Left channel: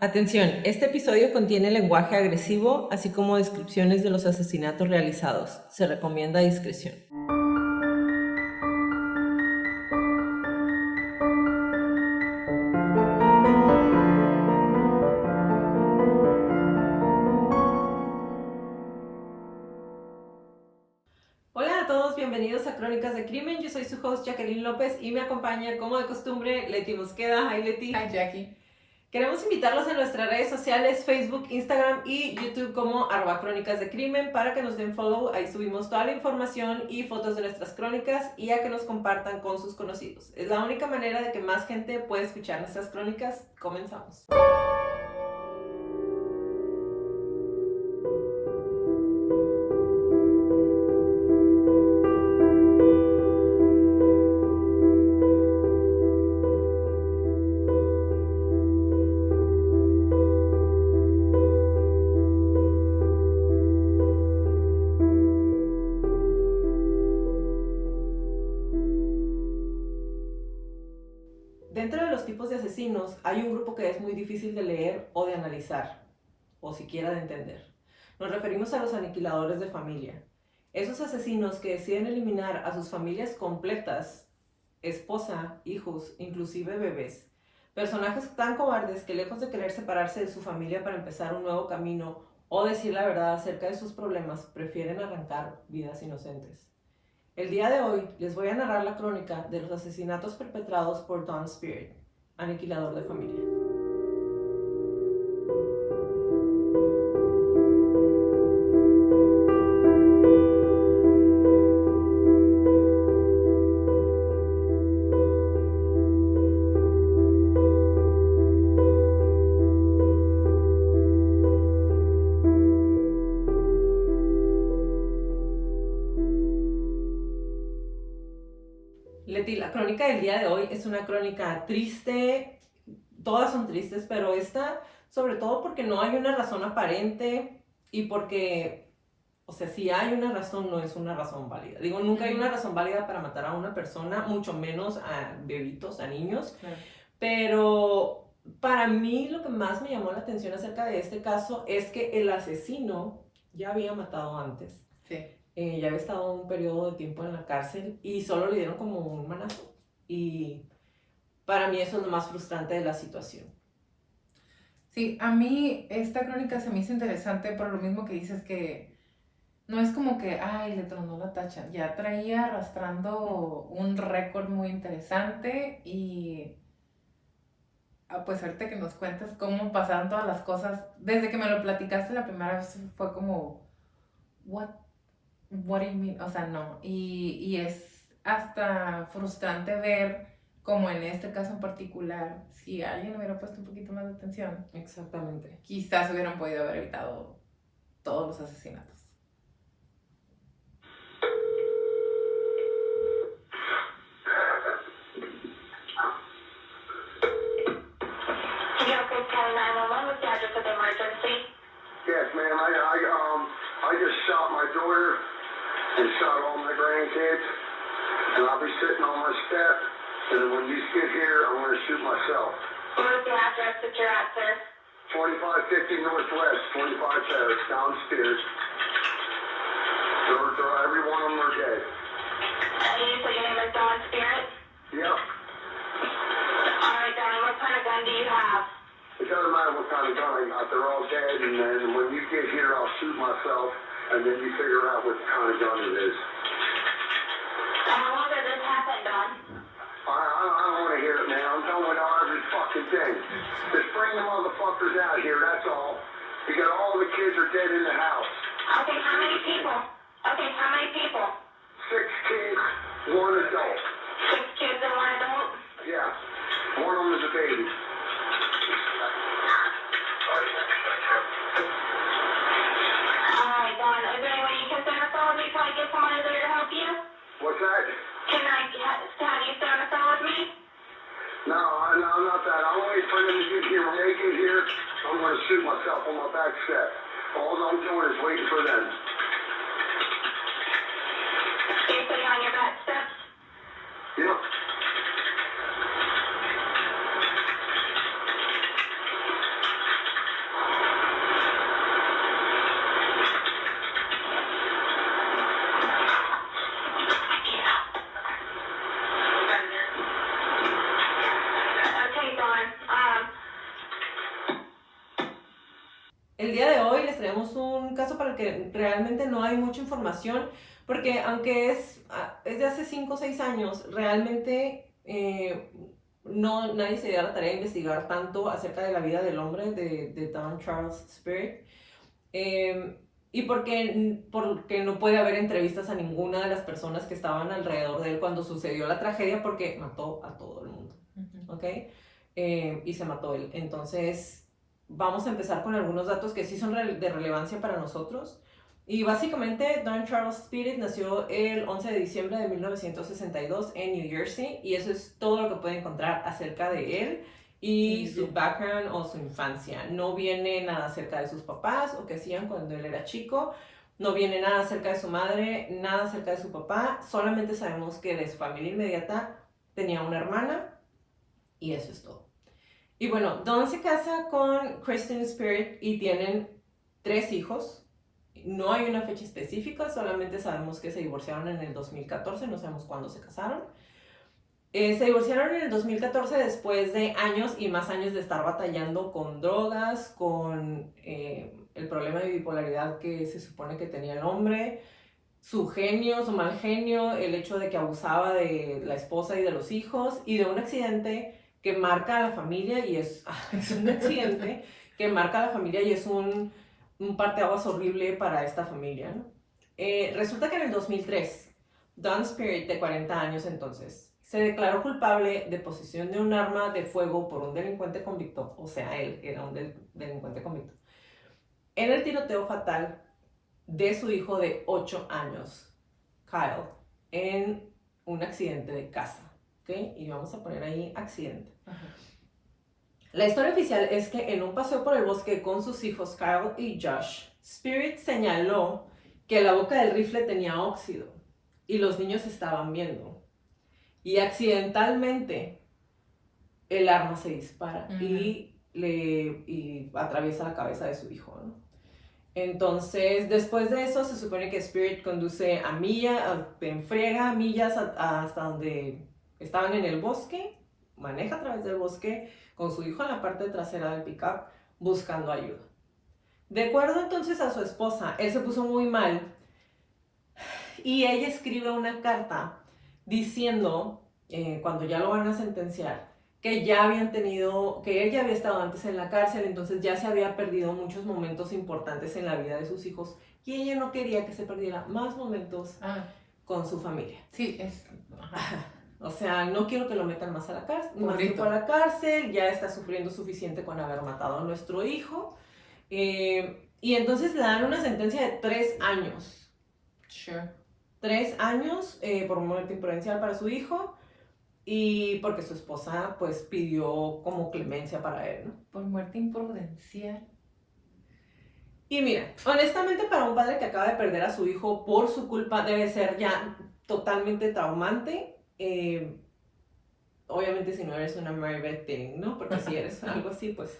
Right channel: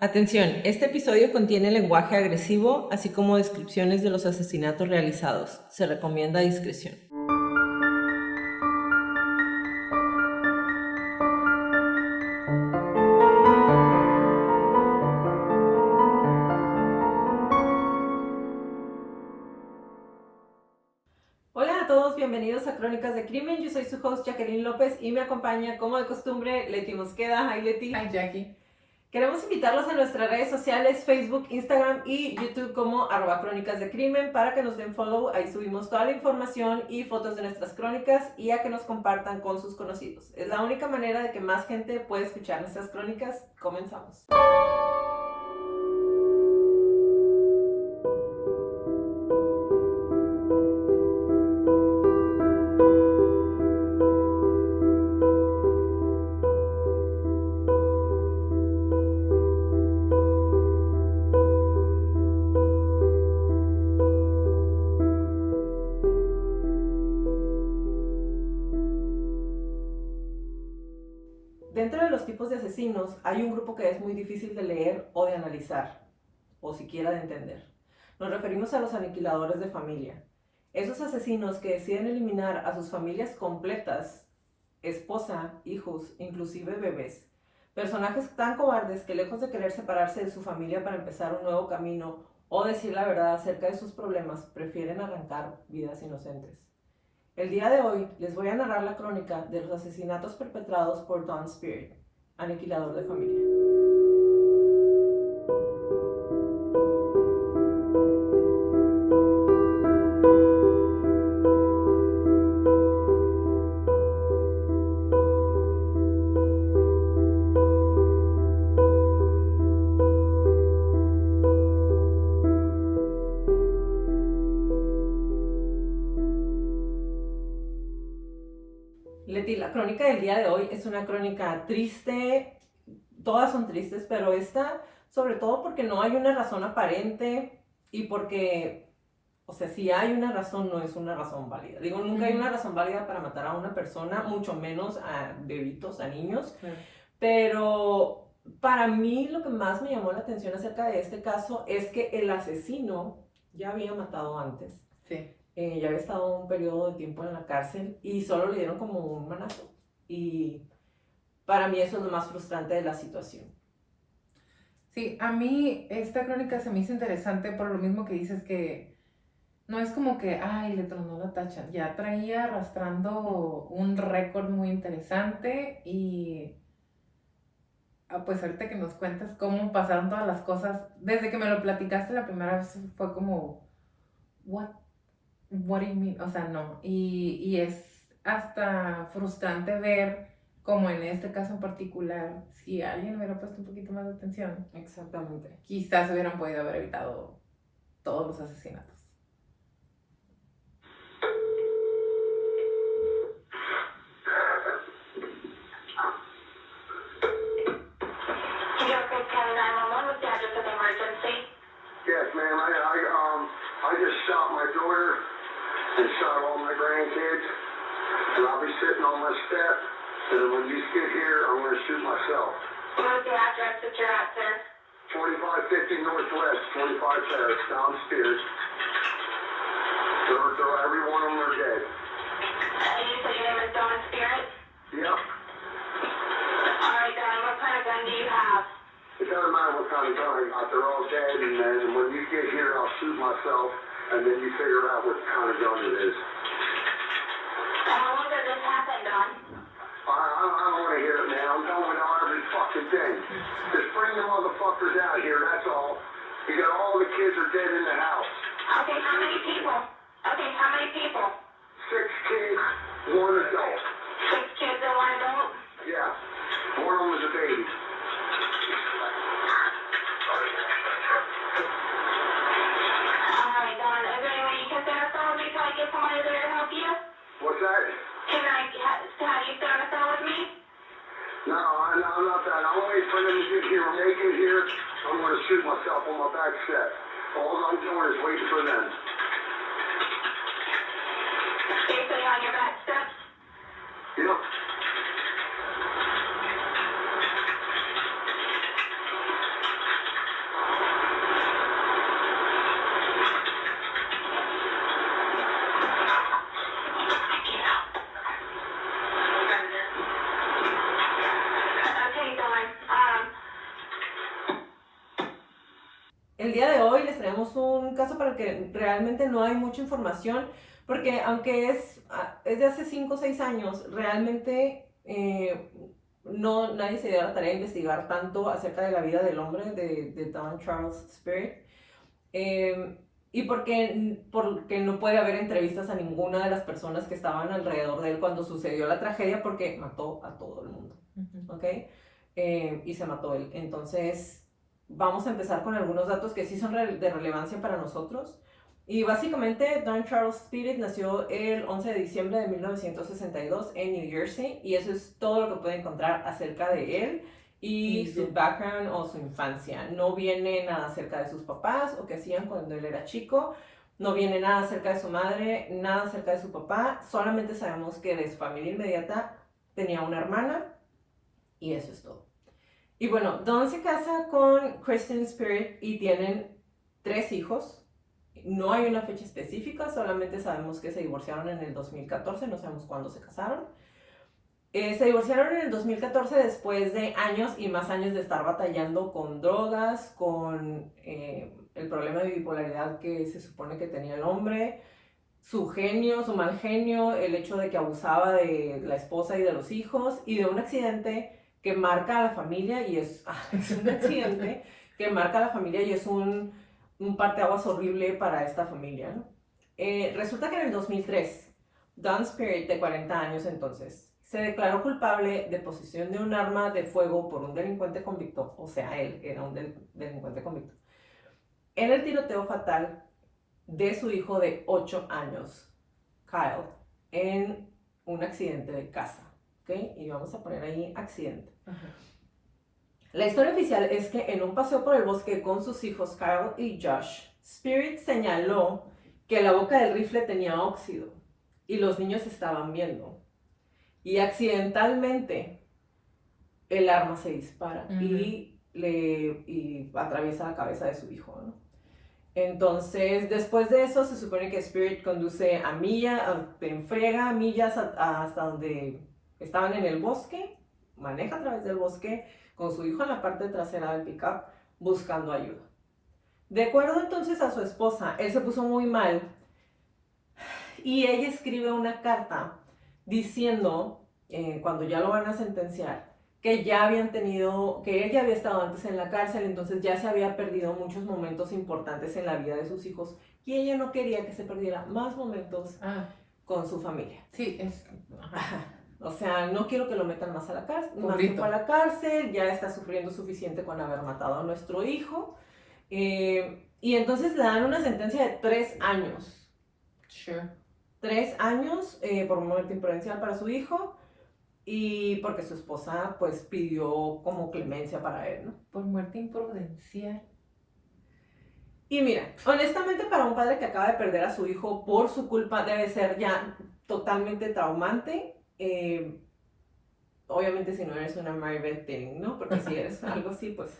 Atención, este episodio contiene lenguaje agresivo, así como descripciones de los asesinatos realizados. Se recomienda discreción. Hola a todos, bienvenidos a Crónicas de Crimen. Yo soy su host Jacqueline López y me acompaña, como de costumbre, Leti Mosqueda. Hi, Leti. Hi, Jackie. Queremos invitarlos a nuestras redes sociales, Facebook, Instagram y YouTube como @Crónicas de Crimen para que nos den follow. Ahí subimos toda la información y fotos de nuestras crónicas y a que nos compartan con sus conocidos. Es la única manera de que más gente pueda escuchar nuestras crónicas. Comenzamos. Dentro de los tipos de asesinos hay un grupo que es muy difícil de leer o de analizar, o siquiera de entender. Nos referimos a los aniquiladores de familia. Esos asesinos que deciden eliminar a sus familias completas, esposa, hijos, inclusive bebés. Personajes tan cobardes que lejos de querer separarse de su familia para empezar un nuevo camino o decir la verdad acerca de sus problemas, prefieren arrancar vidas inocentes. El día de hoy les voy a narrar la crónica de los asesinatos perpetrados por Dawn Spirit, aniquilador de familia. Leti, la crónica del día de hoy es una crónica triste, todas son tristes, pero esta sobre todo porque no hay una razón aparente y porque, o sea, si hay una razón, no es una razón válida. Digo, nunca hay una razón válida para matar a una persona, mucho menos a bebitos, a niños, pero para mí lo que más me llamó la atención acerca de este caso es que el asesino ya había matado antes. Sí. Ya había estado un periodo de tiempo en la cárcel y solo le dieron como un manazo. Y para mí eso es lo más frustrante de la situación. Sí, a mí esta crónica se me hizo interesante por lo mismo que dices que no es como que, ay, le tronó la tacha. Ya traía arrastrando un récord muy interesante y pues ahorita que nos cuentas cómo pasaron todas las cosas, desde que me lo platicaste la primera vez fue como, what do you mean? O sea, no. Y es hasta frustrante ver, como en este caso en particular, si alguien hubiera puesto un poquito más de atención, Exactamente. quizás hubieran podido haber evitado todos los asesinatos. Yes, ma'am. I just shot my daughter and shot all my grandkids, and I'll be sitting on my step. And when you get here, I'm going to shoot myself. What's the address that you're at, sir? 2550 Northwest, 25 Terrace, downstairs. Every one of them are dead. You said your name is Dawn Spirit? Yep. All right, Dawn, what kind of gun do you have? It doesn't matter what kind of gun I got. They're all dead, and then when you get here, I'll shoot myself, and then you figure out what kind of gun it is. How long did this happen, Dawn? I don't want to hear it, man. I'm done with every fucking thing. Just bring the motherfuckers out here, that's all. Because all the kids are dead in the house. Okay, how many people? Okay, how many people? 6 kids, 1 adult. 6 kids and 1 adult? Yeah. One of them is a baby. All right, Dawn, is there any way you can stay on the phone with me till I get somebody there to help you? What's that? Can I have you stay on the phone with me? No, I'm not that. I'm waiting for them to get here. When they get here, I'm going to shoot myself on my back step. All I'm doing is waiting for them. You're sitting on your back steps? Yep. el día de hoy les traemos un caso para el que realmente no hay mucha información, porque aunque es de hace 5 o 6 años, realmente nadie se dio a la tarea de investigar tanto acerca de la vida del hombre, de Don Charles Spirit. Y porque no puede haber entrevistas a ninguna de las personas que estaban alrededor de él cuando sucedió la tragedia, porque mató a todo el mundo, ¿ok? Y se mató él. Entonces, vamos a empezar con algunos datos que sí son de relevancia para nosotros. Y básicamente, Don Charles Spirit nació el 11 de diciembre de 1962 en New Jersey, y eso es todo lo que puede encontrar acerca de él y su background o su infancia. No viene nada acerca de sus papás o qué hacían cuando él era chico. No viene nada acerca de su madre, nada acerca de su papá. Solamente sabemos que de su familia inmediata tenía una hermana, y eso es todo. Y bueno, Don se casa con Kristen Spirit y tienen 3 hijos. No hay una fecha específica, solamente sabemos que se divorciaron en el 2014, no sabemos cuándo se casaron. Se divorciaron en el 2014 después de años y más años de estar batallando con drogas, con el problema de bipolaridad que se supone que tenía el hombre, su genio, su mal genio, el hecho de que abusaba de la esposa y de los hijos, y de un accidente que marca a la familia, y es un accidente que marca a la familia y es un parteaguas horrible para esta familia, ¿no? Resulta que en el 2003, Don Spirit, de 40 años entonces, se declaró culpable de posesión de un arma de fuego por un delincuente convicto, o sea, él era un delincuente convicto, en el tiroteo fatal de su hijo de 8 años, Kyle, en un accidente de casa, ¿ok? Y vamos a poner ahí accidente. Ajá. La historia oficial es que en un paseo por el bosque con sus hijos Kyle y Josh, Spirit señaló que la boca del rifle tenía óxido y los niños estaban viendo. Y accidentalmente el arma se dispara y atraviesa la cabeza de su hijo, ¿no? Entonces, después de eso, se supone que Spirit conduce en friega millas hasta donde estaban en el bosque, maneja a través del bosque con su hijo en la parte trasera del pickup buscando ayuda. De acuerdo entonces a su esposa, él se puso muy mal y ella escribe una carta diciendo, cuando ya lo van a sentenciar, que él ya había estado antes en la cárcel, entonces ya se había perdido muchos momentos importantes en la vida de sus hijos, y ella no quería que se perdiera más momentos con su familia. Sí, O sea, no quiero que lo metan más a la cárcel, ya está sufriendo suficiente con haber matado a nuestro hijo. Y entonces le dan una sentencia de 3 años. Sure. 3 años por muerte imprudencial para su hijo, y porque su esposa pues pidió como clemencia para él, ¿no? Por muerte imprudencial. Y mira, honestamente, para un padre que acaba de perder a su hijo por su culpa debe ser ya totalmente traumante. Obviamente si no eres una Mary Beth Tinning, ¿no? Porque si eres algo así, pues...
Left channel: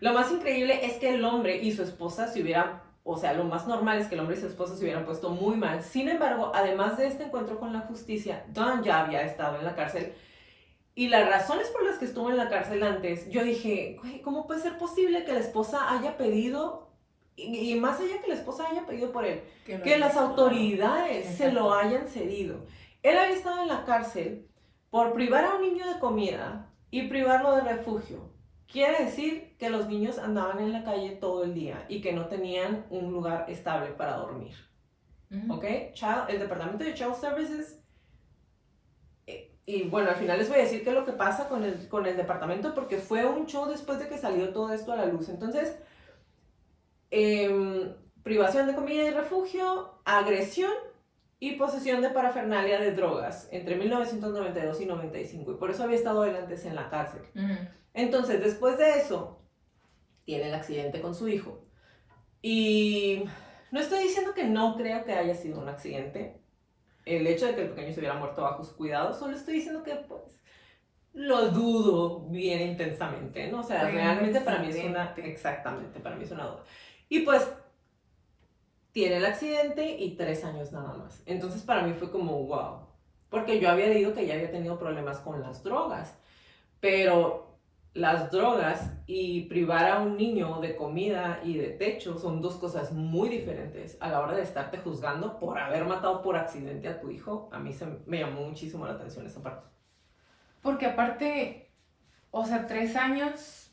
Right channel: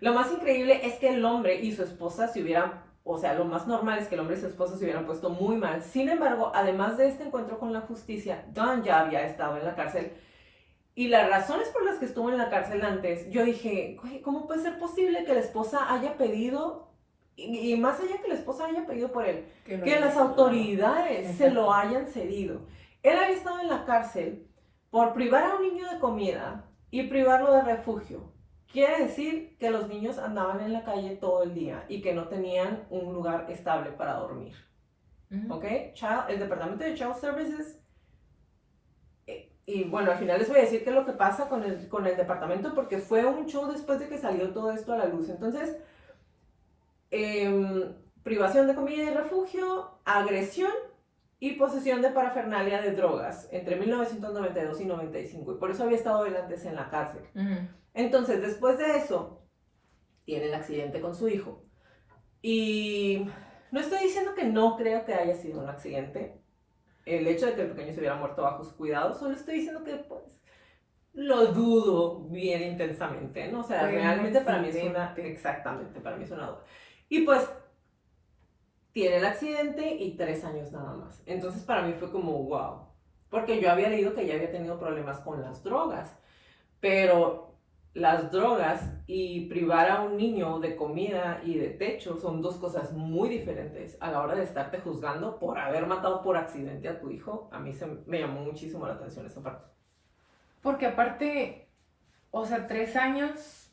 Lo más increíble es que el hombre y su esposa lo más normal es que el hombre y su esposa se hubieran puesto muy mal. Sin embargo, además de este encuentro con la justicia, Don ya había estado en la cárcel. Y las razones por las que estuvo en la cárcel antes, yo dije, ¿cómo puede ser posible que la esposa haya pedido, y más allá que la esposa haya pedido por él, que las autoridades se lo hayan cedido? Él había estado en la cárcel por privar a un niño de comida y privarlo de refugio. Quiere decir que los niños andaban en la calle todo el día y que no tenían un lugar estable para dormir. ¿Ok? El Departamento de Child Services. Y bueno, al final les voy a decir qué es lo que pasa con el departamento, porque fue un show después de que salió todo esto a la luz. Entonces, privación de comida y refugio, agresión y posesión de parafernalia de drogas entre 1992 y 95. Y por eso había estado él antes en la cárcel. Entonces, después de eso, tiene el accidente con su hijo. Y no estoy diciendo que no creo que haya sido un accidente. El hecho de que el pequeño se hubiera muerto bajo sus cuidados, solo estoy diciendo que, pues, lo dudo bien intensamente, ¿no? O sea, realmente para mí es una duda. Y pues, tiene el accidente y 3 años nada más. Entonces, para mí fue como, wow. Porque yo había leído que ya había tenido problemas con las drogas. Pero las drogas y privar a un niño de comida y de techo son dos cosas muy diferentes a la hora de estarte juzgando por haber matado por accidente a tu hijo. A mí me llamó muchísimo la atención esa parte. Porque aparte, o sea, 3 años,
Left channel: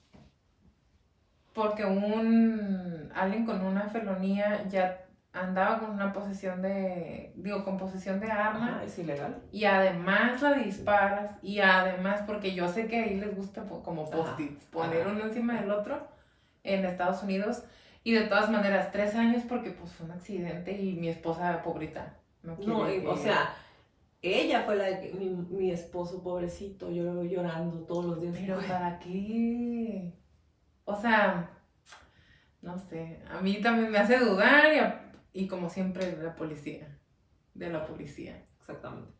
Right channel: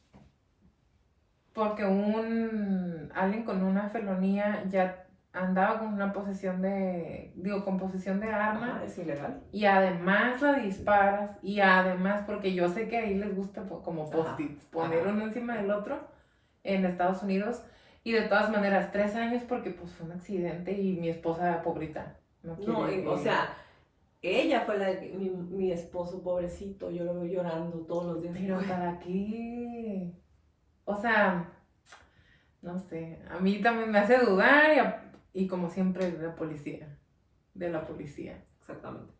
porque alguien con una felonía ya andaba con una posesión con posesión de arma. Ajá, es ilegal. Y además la disparas, y además, porque yo sé que ahí les gusta como post-its, poner ajá. uno encima del otro en Estados Unidos, y de todas maneras, 3 años porque pues fue un accidente y mi esposa, pobrita, no quiere No, que... o sea, ella fue la de que mi esposo pobrecito, yo lo veo llorando todos los días. Pero Güey, ¿para qué? O sea, no sé, a mí también me hace dudar, y como siempre de la policía. exactamente.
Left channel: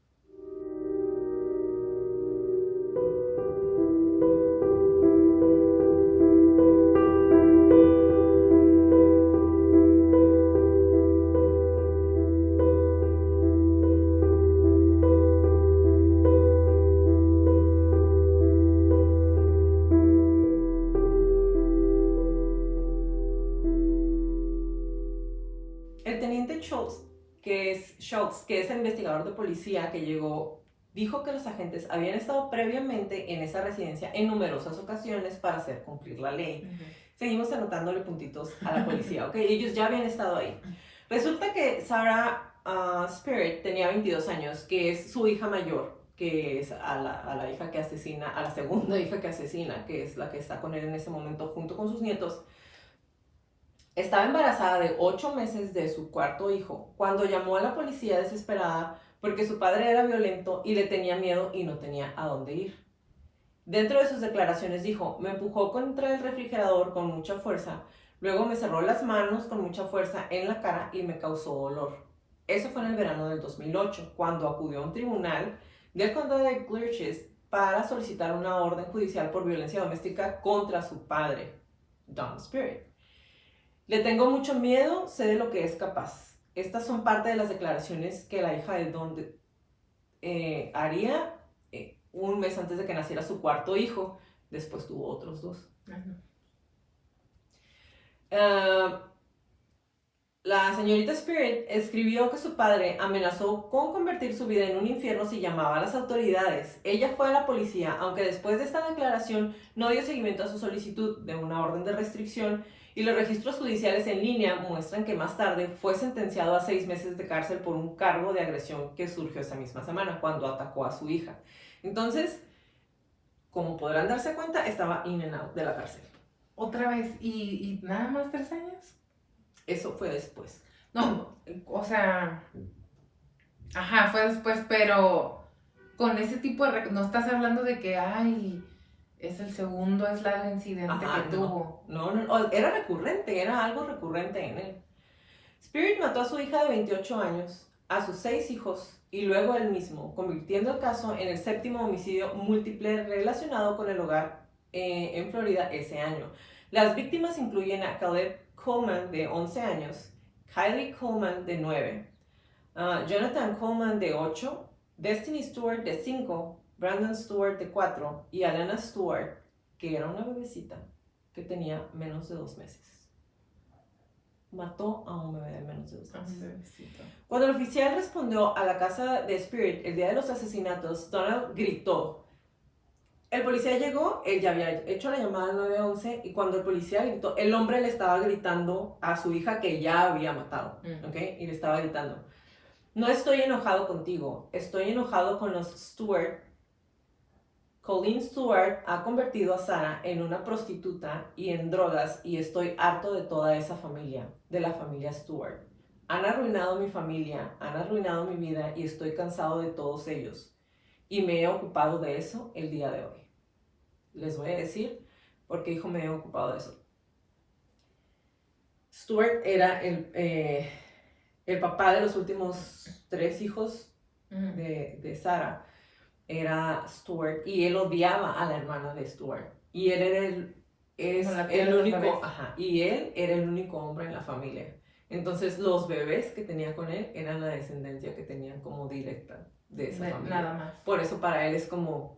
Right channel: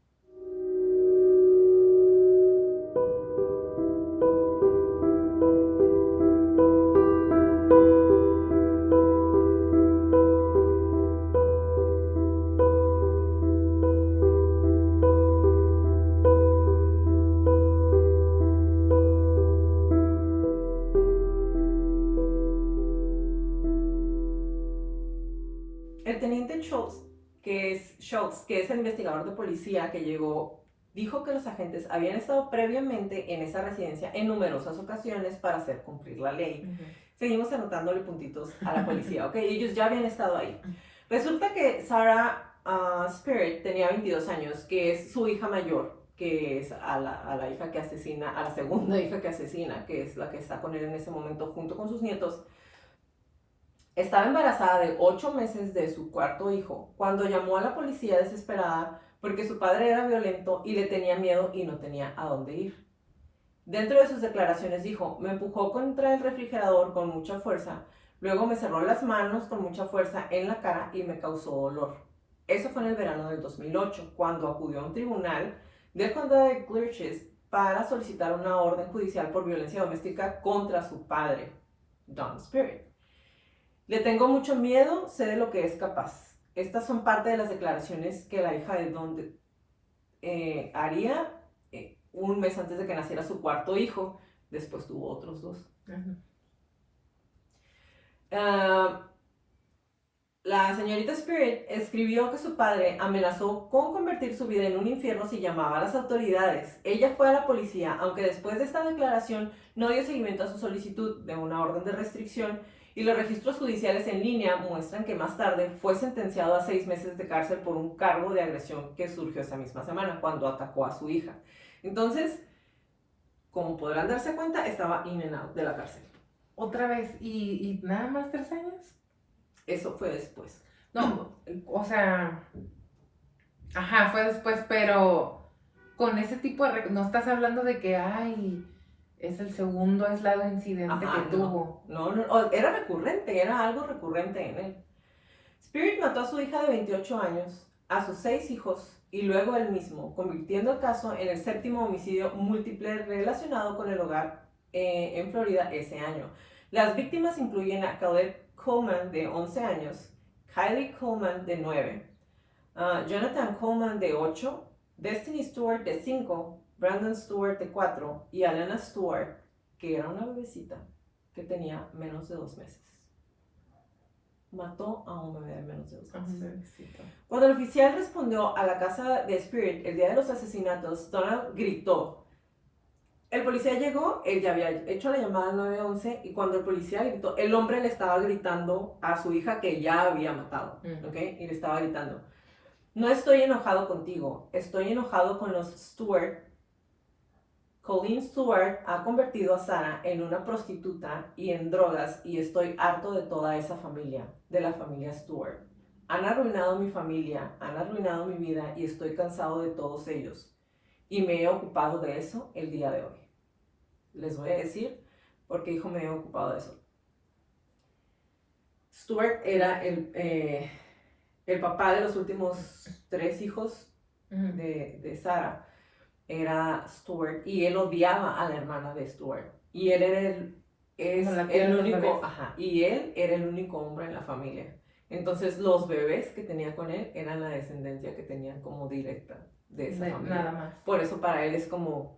El teniente Schultz, que es el investigador de policía que llegó, dijo que los agentes habían estado previamente en esa residencia en numerosas ocasiones para hacer cumplir la ley. Seguimos anotándole puntitos a la policía, ¿ok? Ellos ya habían estado ahí. Resulta que Sarah Spirit tenía 22 años, que es su hija mayor, que es a la hija que asesina, a la segunda hija que asesina, que es la que está con él en ese momento junto con sus nietos. Estaba embarazada de 8 meses de su cuarto hijo cuando llamó a la policía desesperada porque su padre era violento y le tenía miedo y no tenía a dónde ir. Dentro de sus declaraciones dijo, me empujó contra el refrigerador con mucha fuerza, luego me cerró las manos con mucha fuerza en la cara y me causó dolor. Eso fue en el verano del 2008, cuando acudió a un tribunal del condado de Clearchest para solicitar una orden judicial por violencia doméstica contra su padre, Don Spirit. Le tengo mucho miedo, sé de lo que es capaz. Estas son parte de las declaraciones que la hija de Don haría un mes antes de que naciera su cuarto hijo. Después tuvo otros 2. La señorita Spirit escribió que su padre amenazó con convertir su vida en un infierno si llamaba a las autoridades. Ella fue a la policía, aunque después de esta declaración no dio seguimiento a su solicitud de una orden de restricción, y los registros judiciales en línea muestran que más tarde fue sentenciado a 6 meses de cárcel por un cargo de agresión que surgió esa misma semana cuando atacó a su hija. Entonces, como podrán darse cuenta, estaba in and out de la cárcel. Otra vez, ¿y nada más 3 años? Eso fue después. No, o sea, ajá, fue después, pero con ese tipo de... No estás hablando de que, ay, es el segundo aislado incidente Ajá, que tuvo. No, era recurrente, era algo recurrente en él. Spirit mató a su hija de 28 años, a sus 6 hijos y luego él mismo, convirtiendo el caso en el 7º homicidio múltiple relacionado con el hogar en Florida ese año. Las víctimas incluyen a Caleb Coleman, de 11 años, Kylie Coleman, de 9, Jonathan Coleman, de 8, Destiny Stewart, de 5, Brandon Stewart, de 4, y Alana Stewart, que era una bebecita que tenía menos de 2 meses. Mató a un bebé de menos de 2 meses. Cuando el oficial respondió a la casa de Spirit el día de los asesinatos, Donald gritó. El policía llegó, él ya había hecho la llamada al 911, y cuando el policía gritó, el hombre le estaba gritando a su hija que ya había matado, ¿ok? Y le estaba gritando, no estoy enojado contigo, estoy enojado con los Stewart. Colleen Stewart ha convertido a Sarah en una prostituta y en drogas, y estoy harto de toda esa familia, de la familia Stewart. Han arruinado mi familia, han arruinado mi vida y estoy cansado de todos ellos. Y me he ocupado de eso el día de hoy. Les voy a decir por qué dijo me he ocupado de eso. Stewart era el papá de los últimos 3 hijos de Sarah. Era Stewart, y él odiaba a la hermana de Stewart. Y él era el único, y él era el único hombre en la familia. Entonces los bebés que tenía con él eran la descendencia que tenían como directa de esa familia. Nada más. Por eso para él es como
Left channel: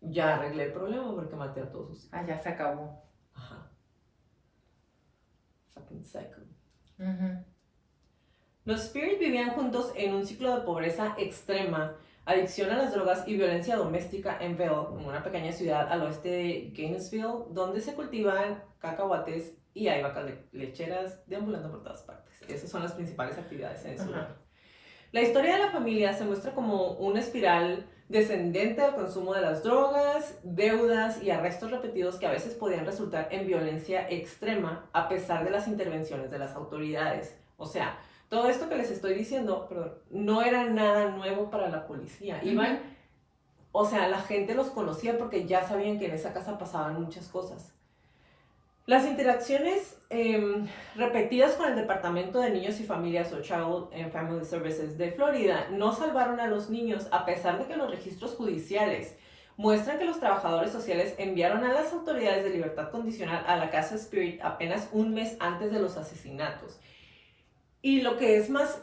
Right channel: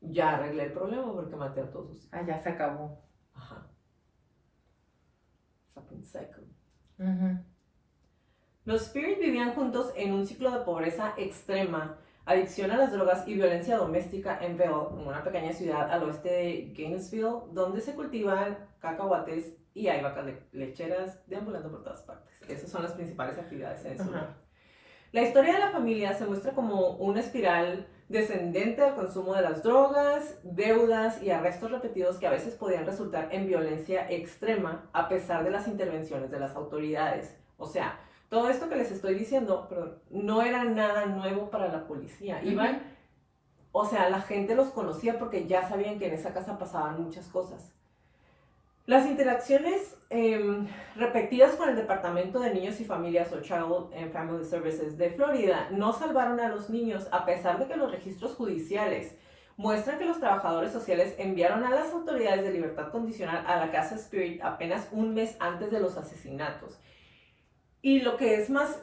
ya arreglé el problema porque maté a todos sus hijos. Ah, ya se acabó. Ajá. Fucking psycho. Ujú. Los Spirit vivían juntos en un ciclo de pobreza extrema, adicción a las drogas y violencia doméstica en Bell, una pequeña ciudad al oeste de Gainesville, donde se cultivan cacahuates y hay vacas lecheras deambulando por todas partes. Esas son las principales actividades en ese Ajá. lugar. La historia de la familia se muestra como una espiral descendente al consumo de las drogas, deudas y arrestos repetidos que a veces podían resultar en violencia extrema a pesar de las intervenciones de las autoridades. O sea, todo esto que les estoy diciendo, perdón, no era nada nuevo para la policía. Iban, o sea, la gente los conocía porque ya sabían que en esa casa pasaban muchas cosas. Las interacciones repetidas con el Departamento de Niños y Familias o Child and Family Services de Florida no salvaron a los niños a pesar de que los registros judiciales muestran que los trabajadores sociales enviaron a las autoridades de libertad condicional a la casa Spirit apenas un mes antes de los asesinatos. Y lo que es más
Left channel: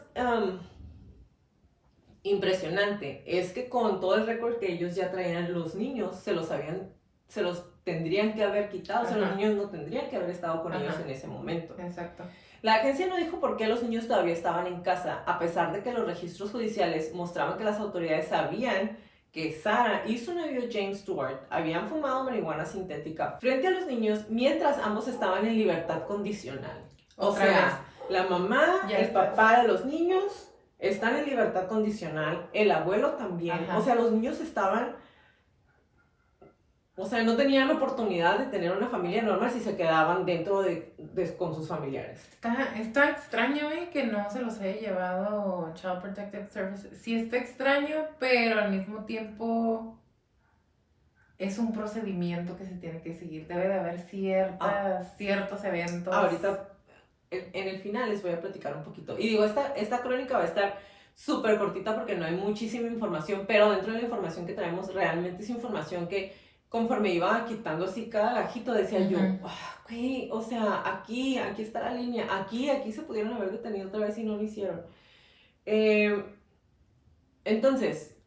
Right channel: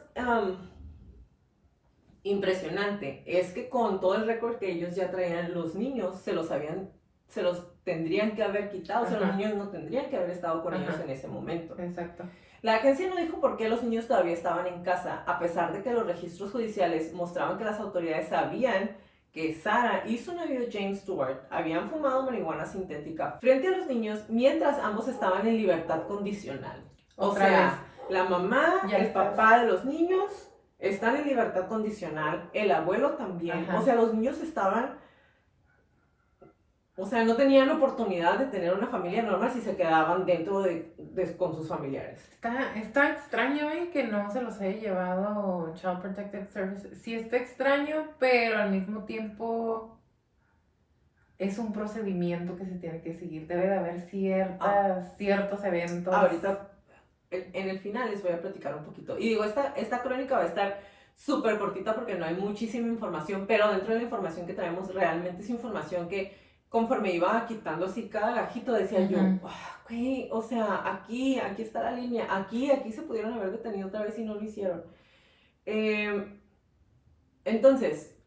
impresionante es que con todo el récord que ellos ya traían, los niños se los tendrían que haber quitado, o sea, los Ajá. niños no tendrían que haber estado con Ajá. ellos en ese momento. Exacto. La agencia no dijo por qué los niños todavía estaban en casa, a pesar de que los registros judiciales mostraban que las autoridades sabían que Sarah y su novio James Stewart habían fumado marihuana sintética frente a los niños mientras ambos estaban en libertad condicional. Otra o sea, vez. la mamá, Ya el está. papá de los niños están en libertad condicional, el abuelo también. Ajá. O sea, los niños estaban... O sea, no tenían la oportunidad de tener una familia normal si se quedaban dentro con sus familiares. Está extraño, que no se los haya llevado Child Protective Services. Sí está extraño, pero al mismo tiempo es un procedimiento que se tiene que seguir. Debe de haber ciertos eventos. Ahorita, en el final les voy a platicar un poquito. Y digo, esta crónica va a estar súper cortita porque no hay muchísima información, pero dentro de la información que traemos realmente es información que conforme iba quitando así cada gajito decía yo, güey, o sea, aquí está la línea, aquí se pudieron haber detenido otra vez y no lo hicieron. Entonces,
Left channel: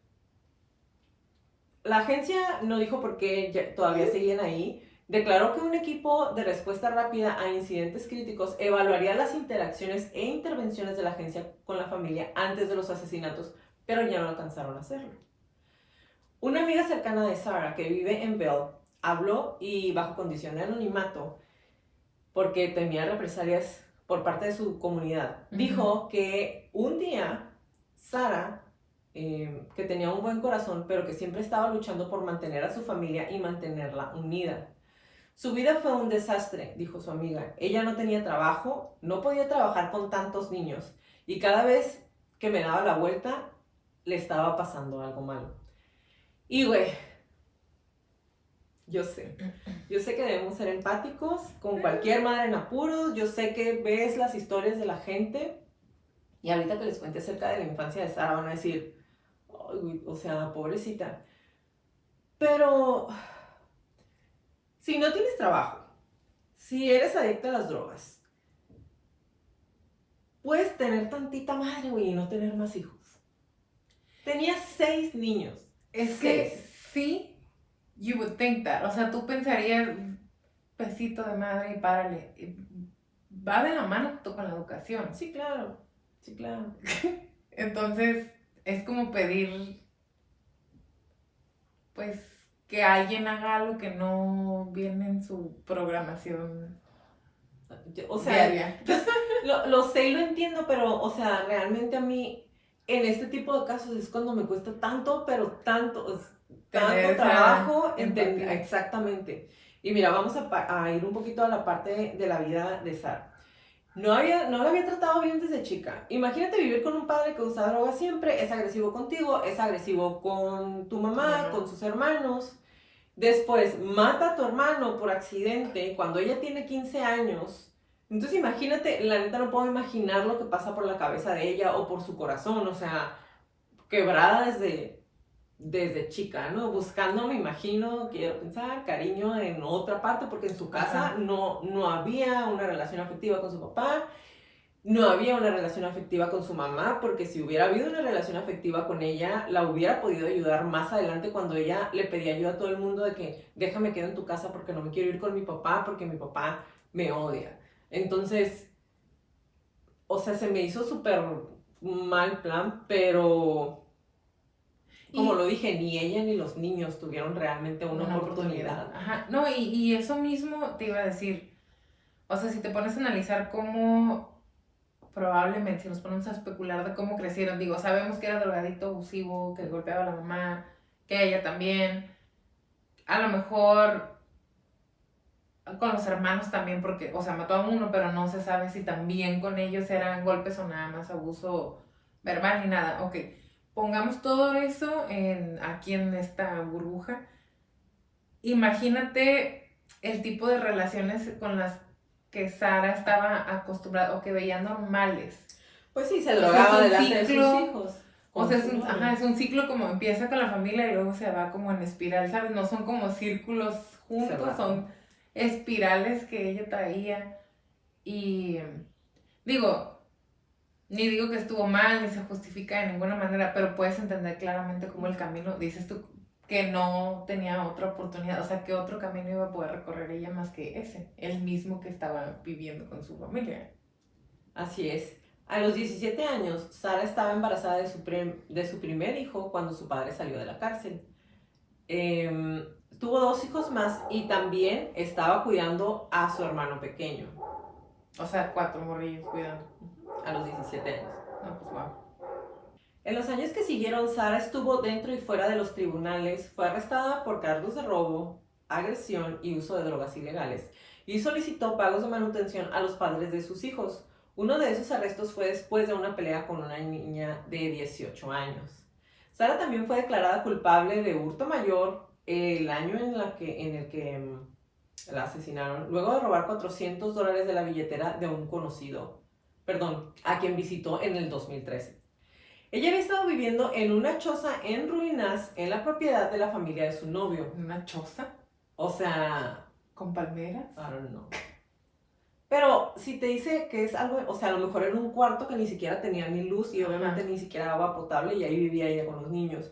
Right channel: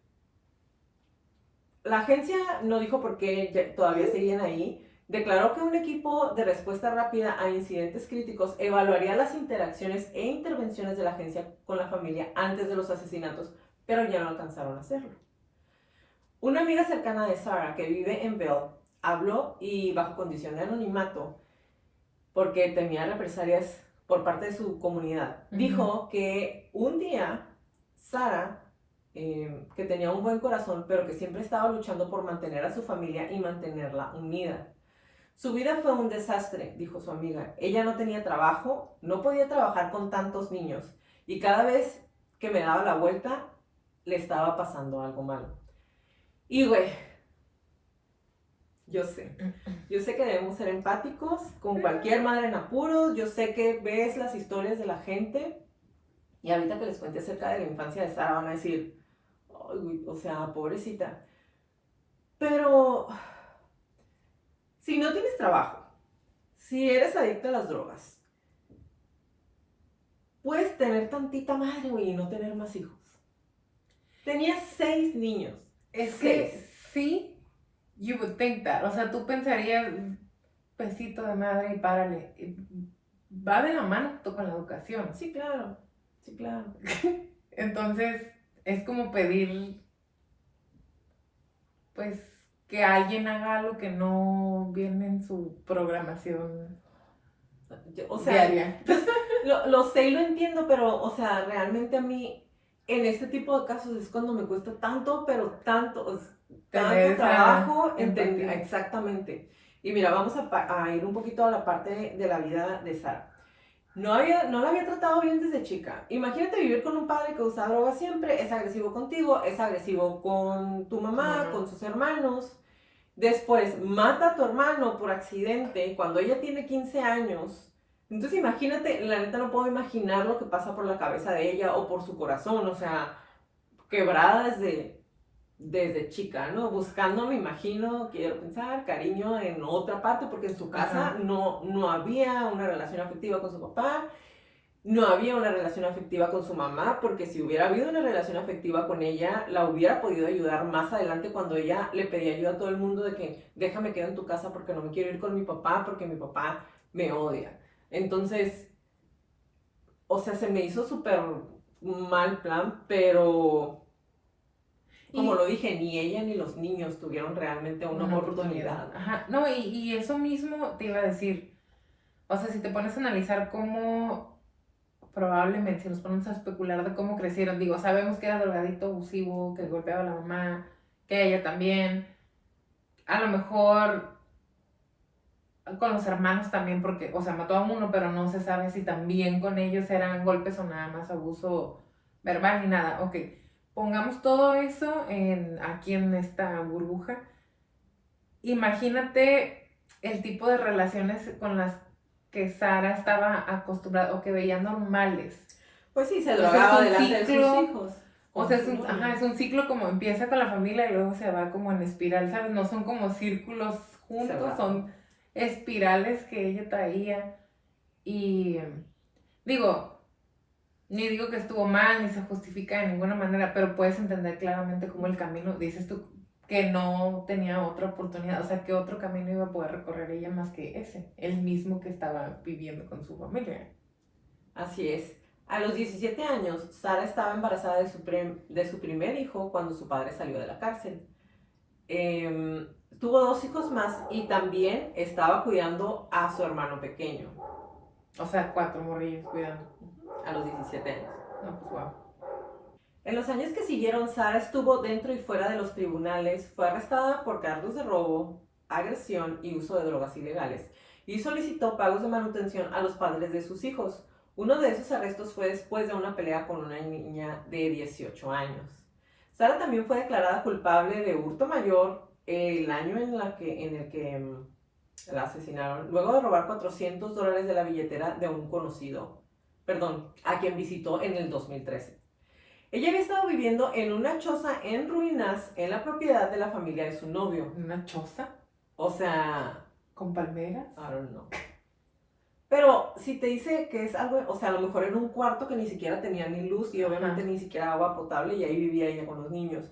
la agencia no dijo por qué todavía seguían ahí. Declaró que un equipo de respuesta rápida a incidentes críticos evaluaría las interacciones e intervenciones de la agencia con la familia antes de los asesinatos, pero ya no alcanzaron a hacerlo. Una amiga cercana de Sarah, que vive en Bell, habló y bajo condición de anonimato, porque temía represalias por parte de su comunidad, dijo que un día Sarah, que tenía un buen corazón, pero que siempre estaba luchando por mantener a su familia y mantenerla unida. Su vida fue un desastre, dijo su amiga. Ella no tenía trabajo, no podía trabajar con tantos niños, y cada vez que me daba la vuelta, le estaba pasando algo malo. Y güey, yo sé que debemos ser empáticos con cualquier madre en apuros, yo sé que ves las historias de la gente y ahorita que les cuente acerca de la infancia de Sarah van a decir, ay, güey, o sea, pobrecita. Pero si no tienes trabajo, si eres adicta a las drogas, puedes tener tantita madre, güey, y no tener más hijos. Tenía 6 niños. Es que sí, you would think that. O sea, tú pensarías, pesito de madre y párale. Va de la mano con la educación. Sí, claro. Sí, claro. Entonces, es como pedir, pues, que alguien haga algo que no viene en su programación O sea, diaria. lo sé y lo entiendo, pero, o sea, realmente a mí, en este tipo de casos es cuando me cuesta tanto, pero tanto trabajo entender. Exactamente. Y mira, vamos a ir un poquito a la parte de la vida de Sarah. No la había tratado bien desde chica. Imagínate vivir con un padre que usa drogas siempre, es agresivo contigo, es agresivo con tu mamá, con sus hermanos. Después mata a tu hermano por accidente cuando ella tiene 15 años. Entonces imagínate, la neta no puedo imaginar lo que pasa por la cabeza de ella o por su corazón, o sea, quebrada desde chica, ¿no? Buscando, me imagino, quiero pensar, cariño en otra parte, porque en su casa no había una relación afectiva con su papá. No había una relación afectiva con su mamá, porque si hubiera habido una relación afectiva con ella, la hubiera podido ayudar más adelante cuando ella le pedía ayuda a todo el mundo de que déjame quedo en tu casa porque no me quiero ir con mi papá porque mi papá me odia. Entonces, o sea, se me hizo súper mal plan, pero como Y- lo dije, ni ella ni los niños tuvieron realmente una oportunidad. Ajá, no, y eso mismo te iba a decir, o sea, si te pones a analizar cómo, probablemente, si nos ponemos a especular de cómo crecieron, digo, sabemos que era drogadicto abusivo, que golpeaba a la mamá, que a ella también, a lo mejor con los hermanos también, porque, o sea, mató a uno, pero no se sabe si también con ellos eran golpes o nada más abuso verbal ni nada. Ok, pongamos todo eso aquí en esta burbuja. Imagínate el tipo de relaciones con las que Sara estaba acostumbrada o que veía normales. Pues sí, se O sea, es drogaba un delante de sus ciclo, hijos. o con sea, su novio. es un ciclo como empieza con la familia y luego se va como en espiral, ¿sabes? No son como círculos juntos, Cerrado. son espirales que ella traía. Y digo, ni digo que estuvo mal, ni se justifica de ninguna manera, pero puedes entender claramente cómo el camino, dices tú, que no tenía otra oportunidad, o sea, que otro camino iba a poder recorrer ella más que ese, el mismo que estaba viviendo con su familia. Así es. A los 17 años, Sara estaba embarazada de su primer hijo cuando su padre salió de la cárcel. Tuvo 2 hijos más y también estaba cuidando a su hermano pequeño O sea, 4 morrillos cuidando. a los 17 años. No, pues wow. En los años que siguieron, Sara estuvo dentro y fuera de los tribunales, fue arrestada por cargos de robo, agresión y uso de drogas ilegales, y solicitó pagos de manutención a los padres de sus hijos. Uno de esos arrestos fue después de una pelea con una niña de 18 años. Sara también fue declarada culpable de hurto mayor el año en el que la asesinaron, luego de robar $400 de la billetera de un conocido, a quien visitó en el 2013. Ella había estado viviendo en una choza en ruinas en la propiedad de la familia de su novio. ¿Una choza O sea, con palmeras? I don't know. Pero si te dice que es algo, o sea, a lo mejor era un cuarto que ni siquiera tenía ni luz y obviamente ni siquiera agua potable y ahí vivía ella con los niños.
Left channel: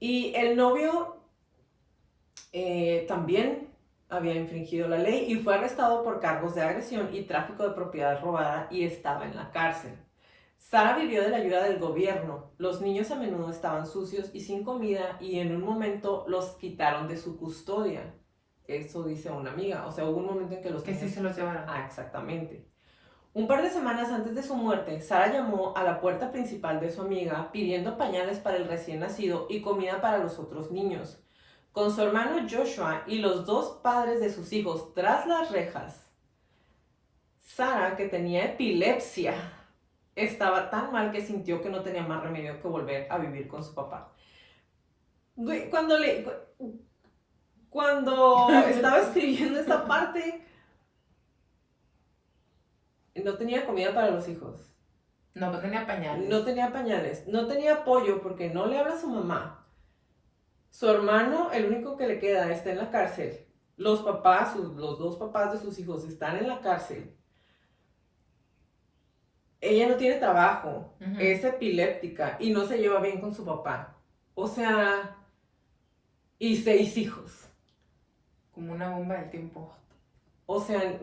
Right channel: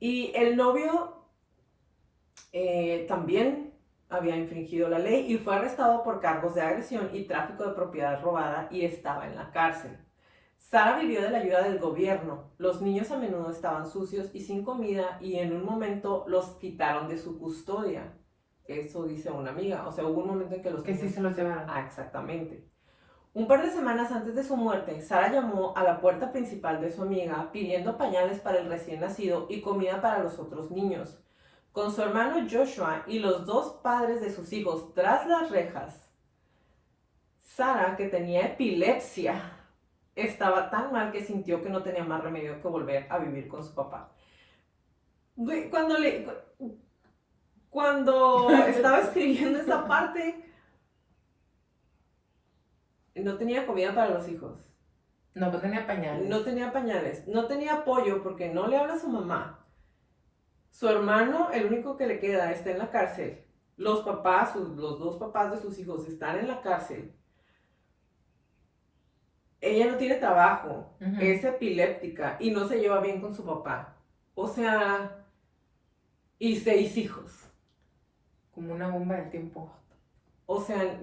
Y el novio también había infringido la ley y fue arrestado por cargos de agresión y tráfico de propiedad robada y estaba en la cárcel. Sara vivió de la ayuda del gobierno. Los niños a menudo estaban sucios y sin comida y en un momento los quitaron de su custodia. Eso dice una amiga. O sea, hubo un momento en que los Que sí niños... se los llevaron. Ah, exactamente. Un par de semanas antes de su muerte, Sara llamó a la puerta principal de su amiga pidiendo pañales para el recién nacido y comida para los otros niños. Con su hermano Joshua y los 2 padres de sus hijos tras las rejas, Sara, que tenía epilepsia, estaba tan mal que sintió que no tenía más remedio que volver a vivir con su papá. Cuando estaba escribiendo esta parte, no tenía comida para los hijos. No, pero tenía pañales. No tenía pañales. No tenía apoyo porque no le habla a su mamá. Su hermano, el único que le queda, está en la cárcel. Los papás, los 2 papás de sus hijos están en la cárcel. Ella no tiene trabajo, es epiléptica y no se lleva bien con su papá. O sea, y 6 hijos. Como una bomba del tiempo. O sea,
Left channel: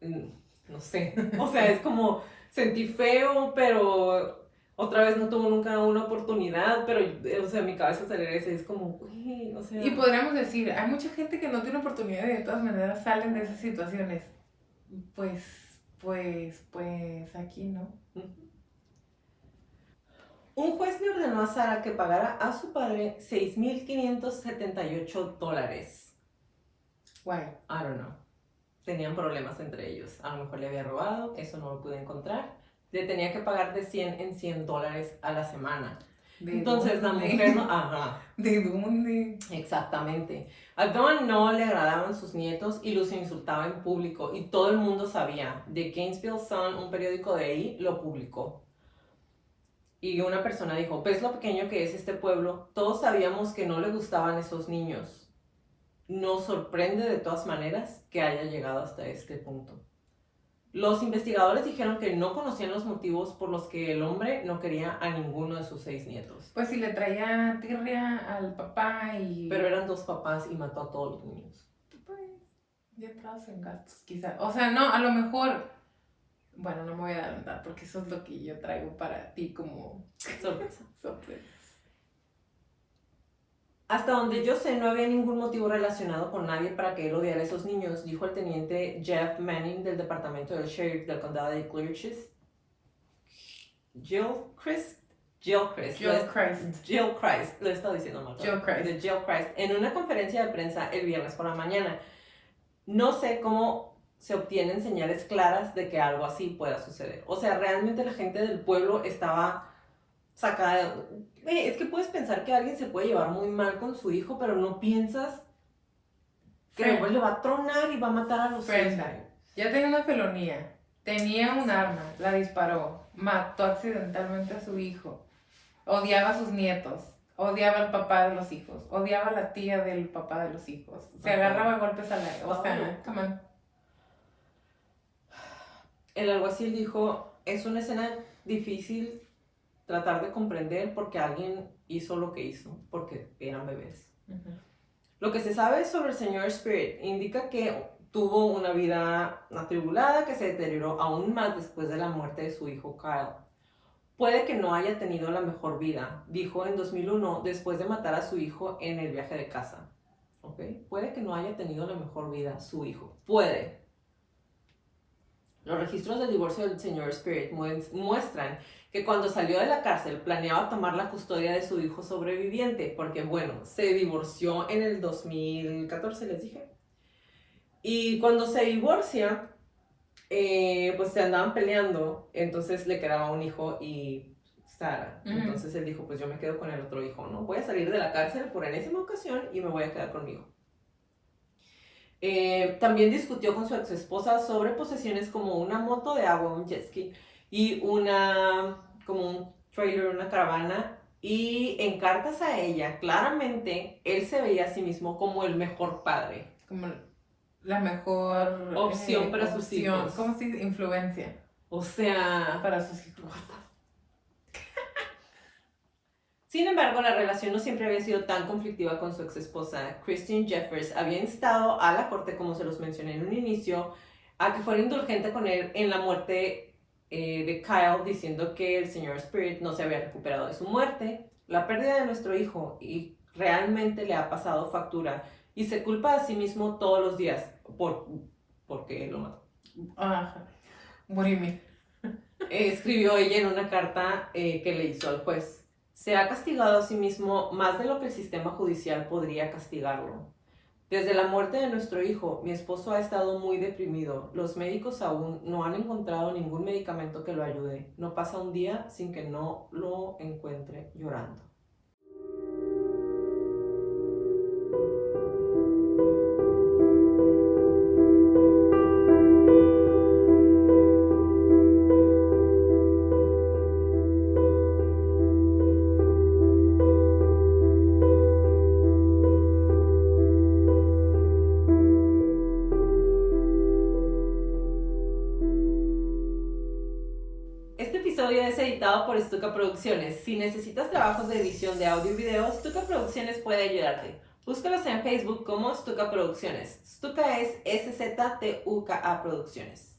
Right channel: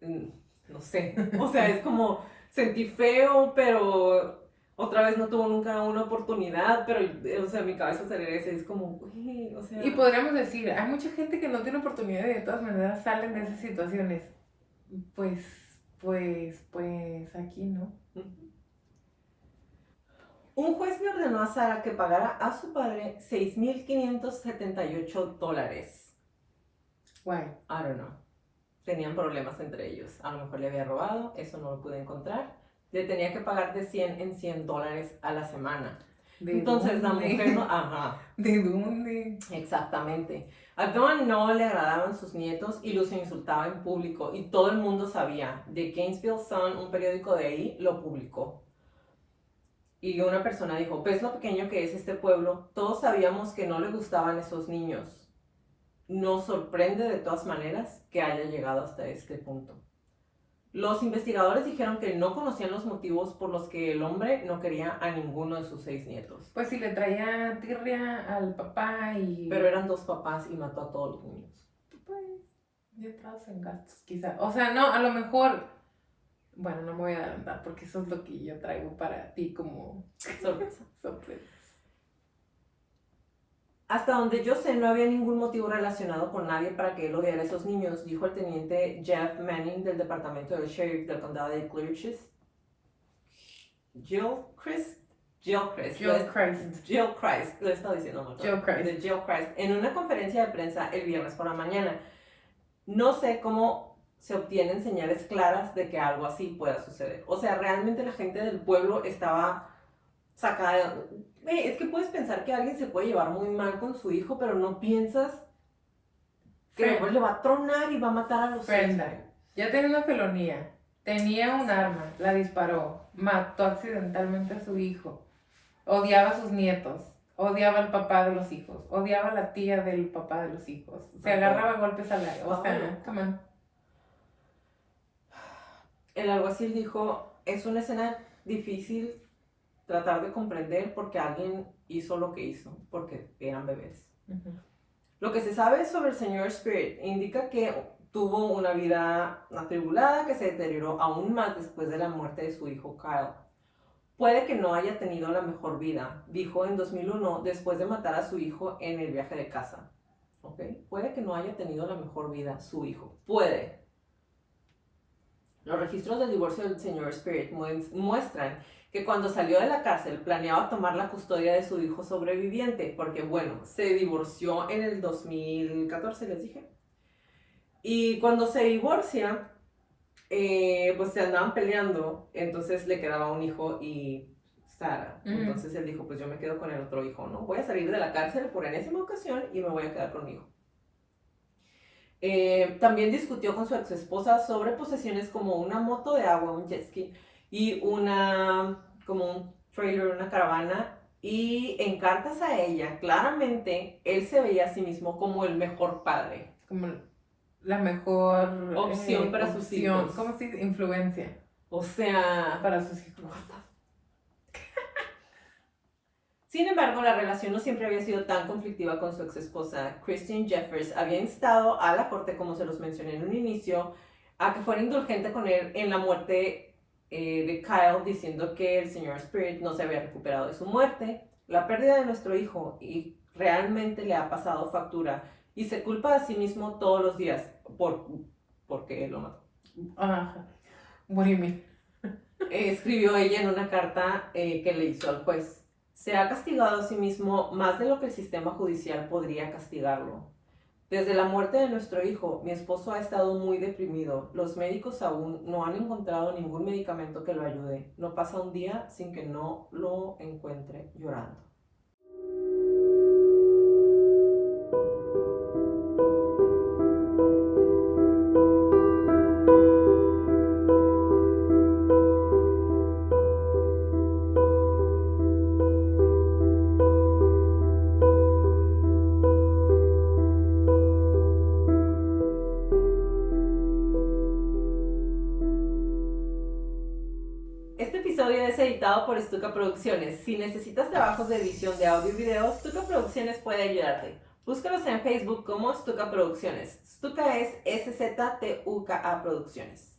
no sé. O sea, es como sentí feo, pero otra vez no tuvo nunca una oportunidad, pero, o sea, mi cabeza se regresa y es como, güey, o sea... Y podríamos decir, hay mucha gente que no tiene oportunidad y de todas maneras salen de esas situaciones. Pues aquí no. Un juez le ordenó a Sara que pagara a su padre $6,578. Guay. I don't know. Tenían problemas entre ellos. A lo mejor le había robado, eso no lo pude encontrar. Le tenía que pagar de 100 en $100 a la semana. Entonces la mujer no... Ajá. ¿De dónde? Exactamente. A Dawn no le agradaban sus nietos y los insultaba en público y todo el mundo sabía. The Gainesville Sun, un periódico de ahí, lo publicó. Y una persona dijo, ¿ves lo pequeño que es este pueblo? Todos sabíamos que no le gustaban esos niños. nos sorprende de todas maneras que haya llegado hasta este punto. Los investigadores dijeron que no conocían los motivos por los que el hombre no quería a ninguno de sus 6 nietos. Pues si le traía tirria al papá y... Pero eran 2 papás y mató a todos los niños. Pues ya entrados en gastos, quizá. O sea, no, a lo mejor... Bueno, no me voy a adelantar porque eso es lo que yo traigo para ti como Sorpresa. sorpresa. Hasta donde yo sé, no había ningún motivo relacionado con nadie para que él odiara a esos niños, dijo el teniente Jeff Manning del departamento del sheriff del condado de Gilchrist. Gilchrist, lo he estado diciendo mal. Gilchrist, en una conferencia de prensa el viernes por la mañana. No sé cómo se obtienen señales claras de que algo así pueda suceder. O sea, realmente la gente del pueblo estaba sacada. Es que puedes pensar que alguien se puede llevar muy mal con su hijo, pero no piensas que después le va a tronar y va a matar a los Brenda, hijos. ya tenía una felonía, tenía un arma, la disparó, mató accidentalmente a su hijo, odiaba a sus nietos, odiaba al papá de los hijos, odiaba a la tía del papá de los hijos, se agarraba a golpes al aire, o sea, come on. El alguacil dijo, es una escena difícil tratar de comprender porque alguien hizo lo que hizo, porque eran bebés. Uh-huh. Lo que se sabe sobre el señor Spirit indica que tuvo una vida atribulada que se deterioró aún más después de la muerte de su hijo Kyle. Puede que no haya tenido la mejor vida, dijo en 2001 después de matar a su hijo en el viaje de casa. ¿Ok? Puede que no haya tenido la mejor vida su hijo. Puede. Los registros del divorcio del señor Spirit muestran que cuando salió de la cárcel planeaba tomar la custodia de su hijo sobreviviente, porque bueno, se divorció en el 2014, les dije. Y cuando se divorcia, pues se andaban peleando, entonces le quedaba un hijo y Sara. Uh-huh. Entonces él dijo, pues yo me quedo con el otro hijo, ¿no? Voy a salir de la cárcel por enésima ocasión y me voy a quedar conmigo. También discutió con su ex esposa sobre posesiones como una moto de agua, un jet ski, y como un trailer, una caravana, y en cartas a ella, claramente, él se veía a sí mismo como el mejor padre. Como la mejor Opción para sus hijos. ¿Cómo se dice? Influencia O sea... para sus hijos. Sin embargo, la relación no siempre había sido tan conflictiva con su ex esposa. Christine Jeffers había instado a la corte, como se los mencioné en un inicio, a que fuera indulgente con él en la muerte de Kyle, diciendo que el señor Spirit no se había recuperado de su muerte, la pérdida de nuestro hijo, y realmente le ha pasado factura, y se culpa a sí mismo todos los días porque él lo mató. Ajá. What do you mean? Escribió ella en una carta que le hizo al juez. Se ha castigado a sí mismo más de lo que el sistema judicial podría castigarlo. Desde la muerte de nuestro hijo, mi esposo ha estado muy deprimido. Los médicos aún no han encontrado ningún medicamento que lo ayude. No pasa un día sin que no lo encuentre llorando. Este episodio es editado por Stuka Producciones. Si necesitas trabajos de edición de audio y video, Stuka Producciones puede ayudarte. Búscalos en Facebook como Stuka Producciones. Stuka es SZTUKA Producciones.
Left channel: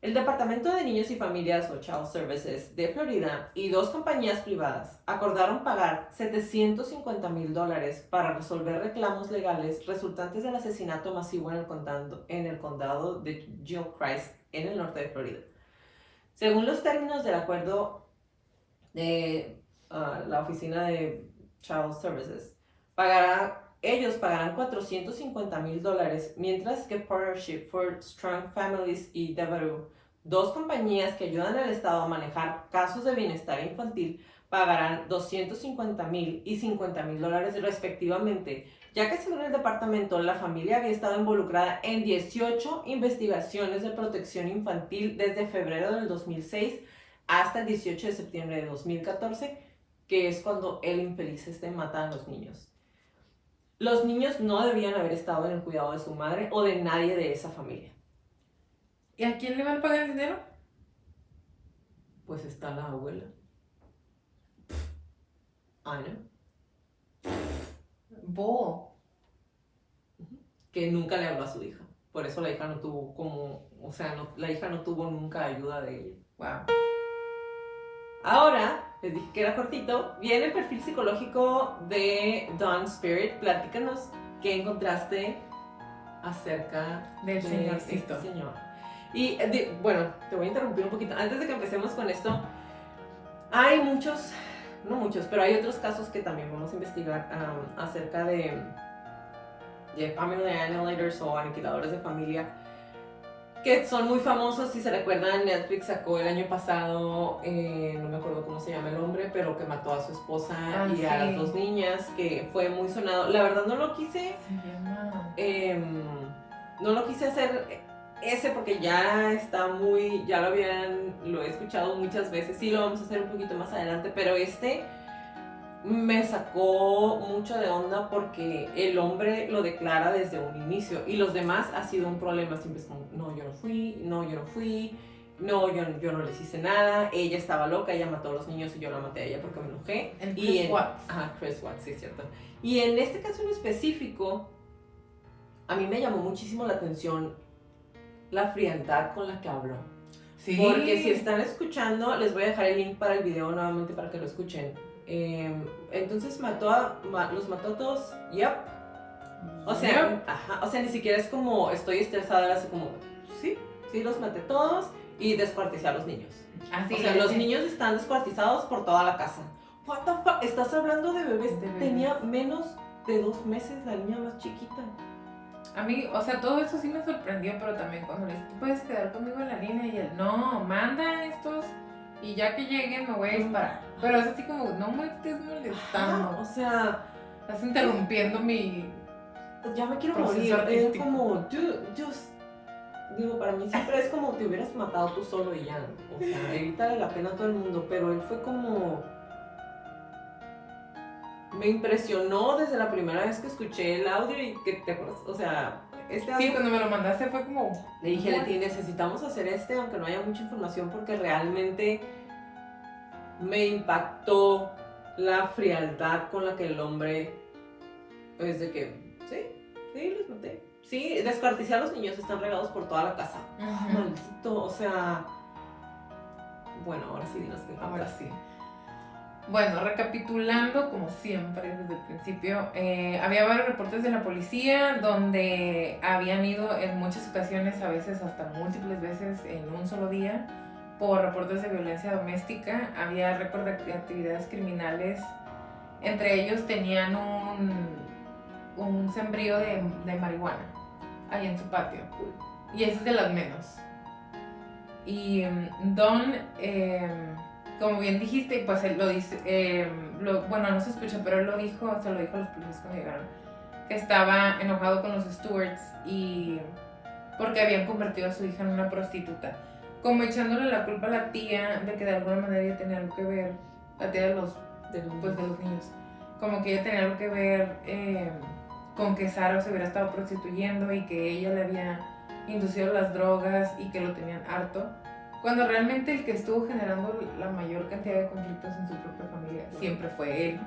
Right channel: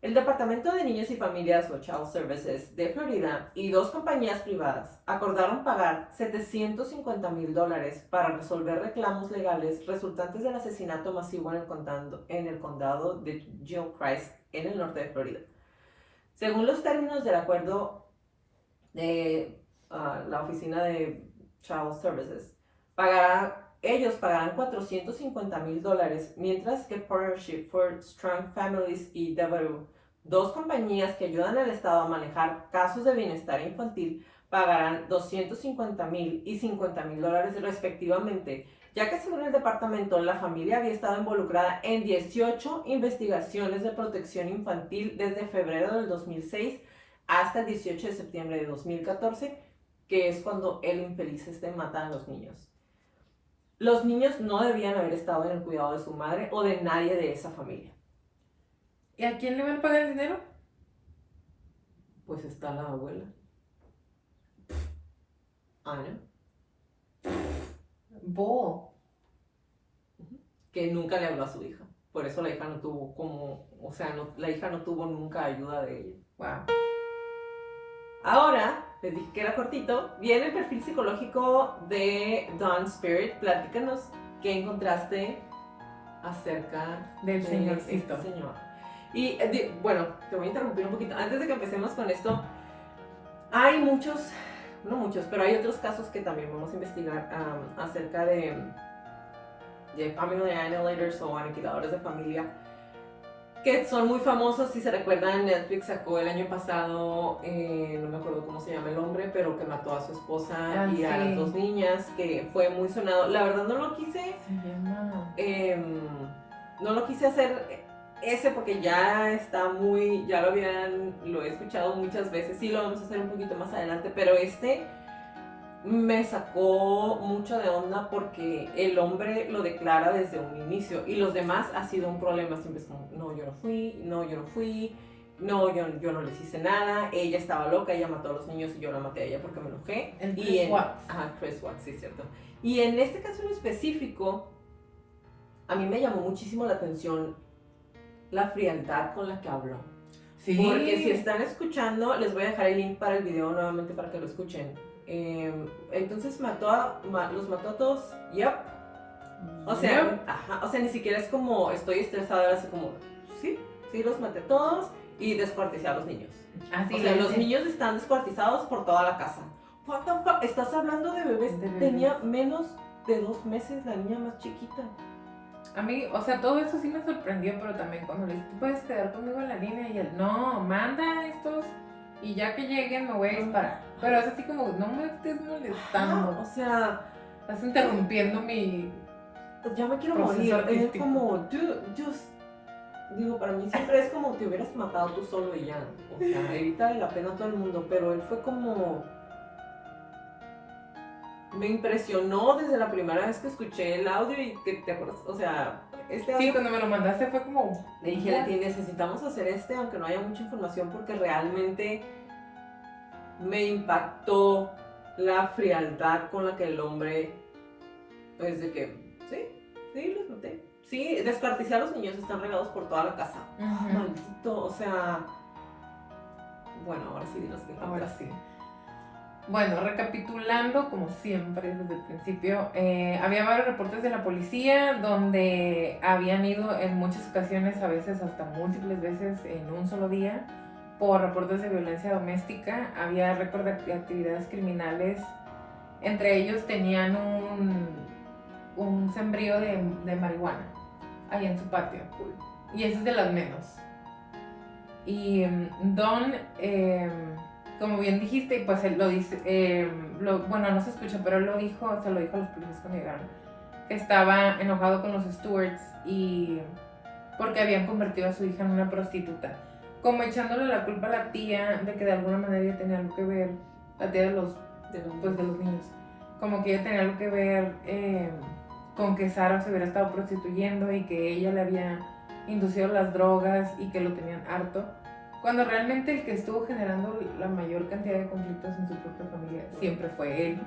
El Departamento de Niños y Familias o Child Services de Florida y 2 compañías privadas acordaron pagar $750,000 para resolver reclamos legales resultantes del asesinato masivo en el condado de Gilchrist, en el norte de Florida. Según los términos del acuerdo de la oficina de Child Services, ellos pagarán $450,000, mientras que Partnership for Strong Families y Devereux, 2 compañías que ayudan al Estado a manejar casos de bienestar infantil, pagarán $250,000 y $50,000 respectivamente, ya que según el departamento, la familia había estado involucrada en 18 investigaciones de protección infantil desde febrero del 2006 hasta el 18 de septiembre de 2014, que es cuando el infeliz mata a los niños. Los niños no debían haber estado en el cuidado de su madre o de nadie de esa familia. ¿Y a quién le van a pagar el dinero? Pues está la abuela. Ana, Bull. que nunca le habló a su hija. Por eso la hija no tuvo la hija no tuvo nunca ayuda de él. Wow. Ahora, les dije que era cortito, viene el perfil psicológico de Dawn Spirit. Platícanos qué encontraste acerca Del de señorcito. este señor. Y bueno, te voy a interrumpir un poquito. Antes de que empecemos con esto, hay muchos, no muchos, pero hay otros casos que también vamos a investigar acerca de family annihilators o aniquiladores de familia, que son muy famosos. Si se recuerdan, Netflix sacó el año pasado, no me acuerdo cómo se llama el hombre, pero que mató a su esposa y a sí. las 2 niñas, que fue muy sonado. La verdad no lo quise, no lo quise hacer ese porque ya está muy, lo he escuchado muchas veces. Sí, lo vamos a hacer un poquito más adelante, pero me sacó mucho de onda porque el hombre lo declara desde un inicio y los demás ha sido un problema. Siempre es como, no, yo no fui, no, yo no les hice nada, ella estaba loca, ella mató a los niños y yo la maté a ella porque me enojé. El Chris Watts. Ajá, Chris Watts, sí, cierto. Y en este caso en específico, a mí me llamó muchísimo la atención la frialdad con la que habló. Sí. Porque si están escuchando, les voy a dejar el link para el video nuevamente para que lo escuchen. Entonces los mató a todos. Yep. O sea, ni siquiera es como estoy estresada, era así como, sí, los maté todos y descuarticé a los niños. Así O sea, los niños están descuartizados por toda la casa. What the fuck? Estás hablando de bebés. Tenía menos de 2 meses la niña más chiquita. A mí, o sea, todo eso sí me sorprendió, pero también cuando le dije, ¿tú puedes quedar conmigo en la línea? Y él, no, manda estos y ya que lleguen me voy a disparar. Pero es así como, no me estés molestando. O sea, Estás interrumpiendo mi... ya me quiero proceso morir. Es artístico. como, digo, para mí siempre es como te hubieras matado tú solo y ya. O sea, evítale la pena a todo el mundo. Pero él fue como... Me impresionó desde la primera vez que escuché el audio y que te acuerdas, o sea, este audio... Sí, cuando me lo mandaste fue como... Le dije, Leti, necesitamos hacer aunque no haya mucha información, porque realmente me impactó la frialdad con la que el hombre, es de que, sí, los maté. Sí, descuarticé a los niños, están regados por toda la casa. Ujú. Maldito, o sea... Bueno, ahora sí, dinos que Ahora sí. Bueno, recapitulando, como siempre, desde el principio, había varios reportes de la policía donde habían ido en muchas ocasiones, a veces hasta múltiples veces en un solo día, por reportes de violencia doméstica. Había récord de actividades criminales. Entre ellos tenían un sembrío de marihuana ahí en su patio. Y esa es de las menos. Y Don... como bien dijiste, pues él lo dice, bueno, no se escucha, pero él se lo dijo a los policías cuando llegaron, que estaba enojado con los stewards y porque habían convertido a su hija en una prostituta, como echándole la culpa a la tía de que de alguna manera ella tenía algo que ver, la tía de los niños, como que ella tenía algo que ver con que Sara se hubiera estado prostituyendo y que ella le había inducido las drogas y que lo tenían harto. Cuando realmente el que estuvo generando la mayor cantidad de conflictos en su propia familia siempre fue él.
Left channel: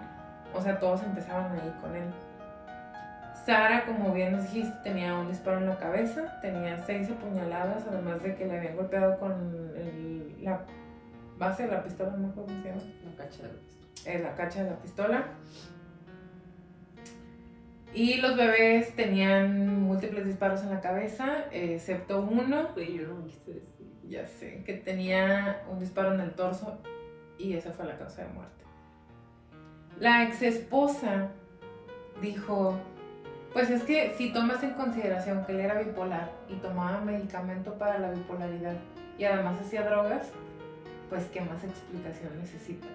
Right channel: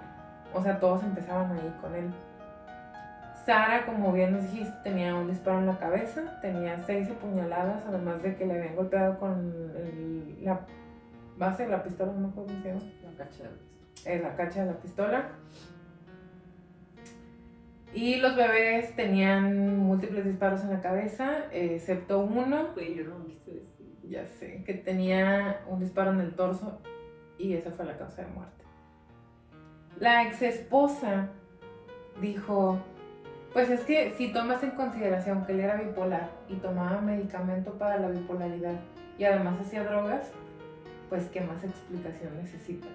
O sea, todos empezaban ahí con él. Sara, como bien nos dijiste, tenía un disparo en la cabeza, tenía 6 apuñaladas, además de que le habían golpeado con la base de la pistola, no me acuerdo cómo se llama. La cacha de la pistola. Y los bebés tenían múltiples disparos en la cabeza, excepto uno. Oye, yo no me quise decir. Ya sé, que tenía un disparo en el torso y esa fue la causa de muerte. La ex esposa dijo, pues es que si tomas en consideración que él era bipolar y tomaba medicamento para la bipolaridad y además hacía drogas, pues ¿qué más explicación necesitas?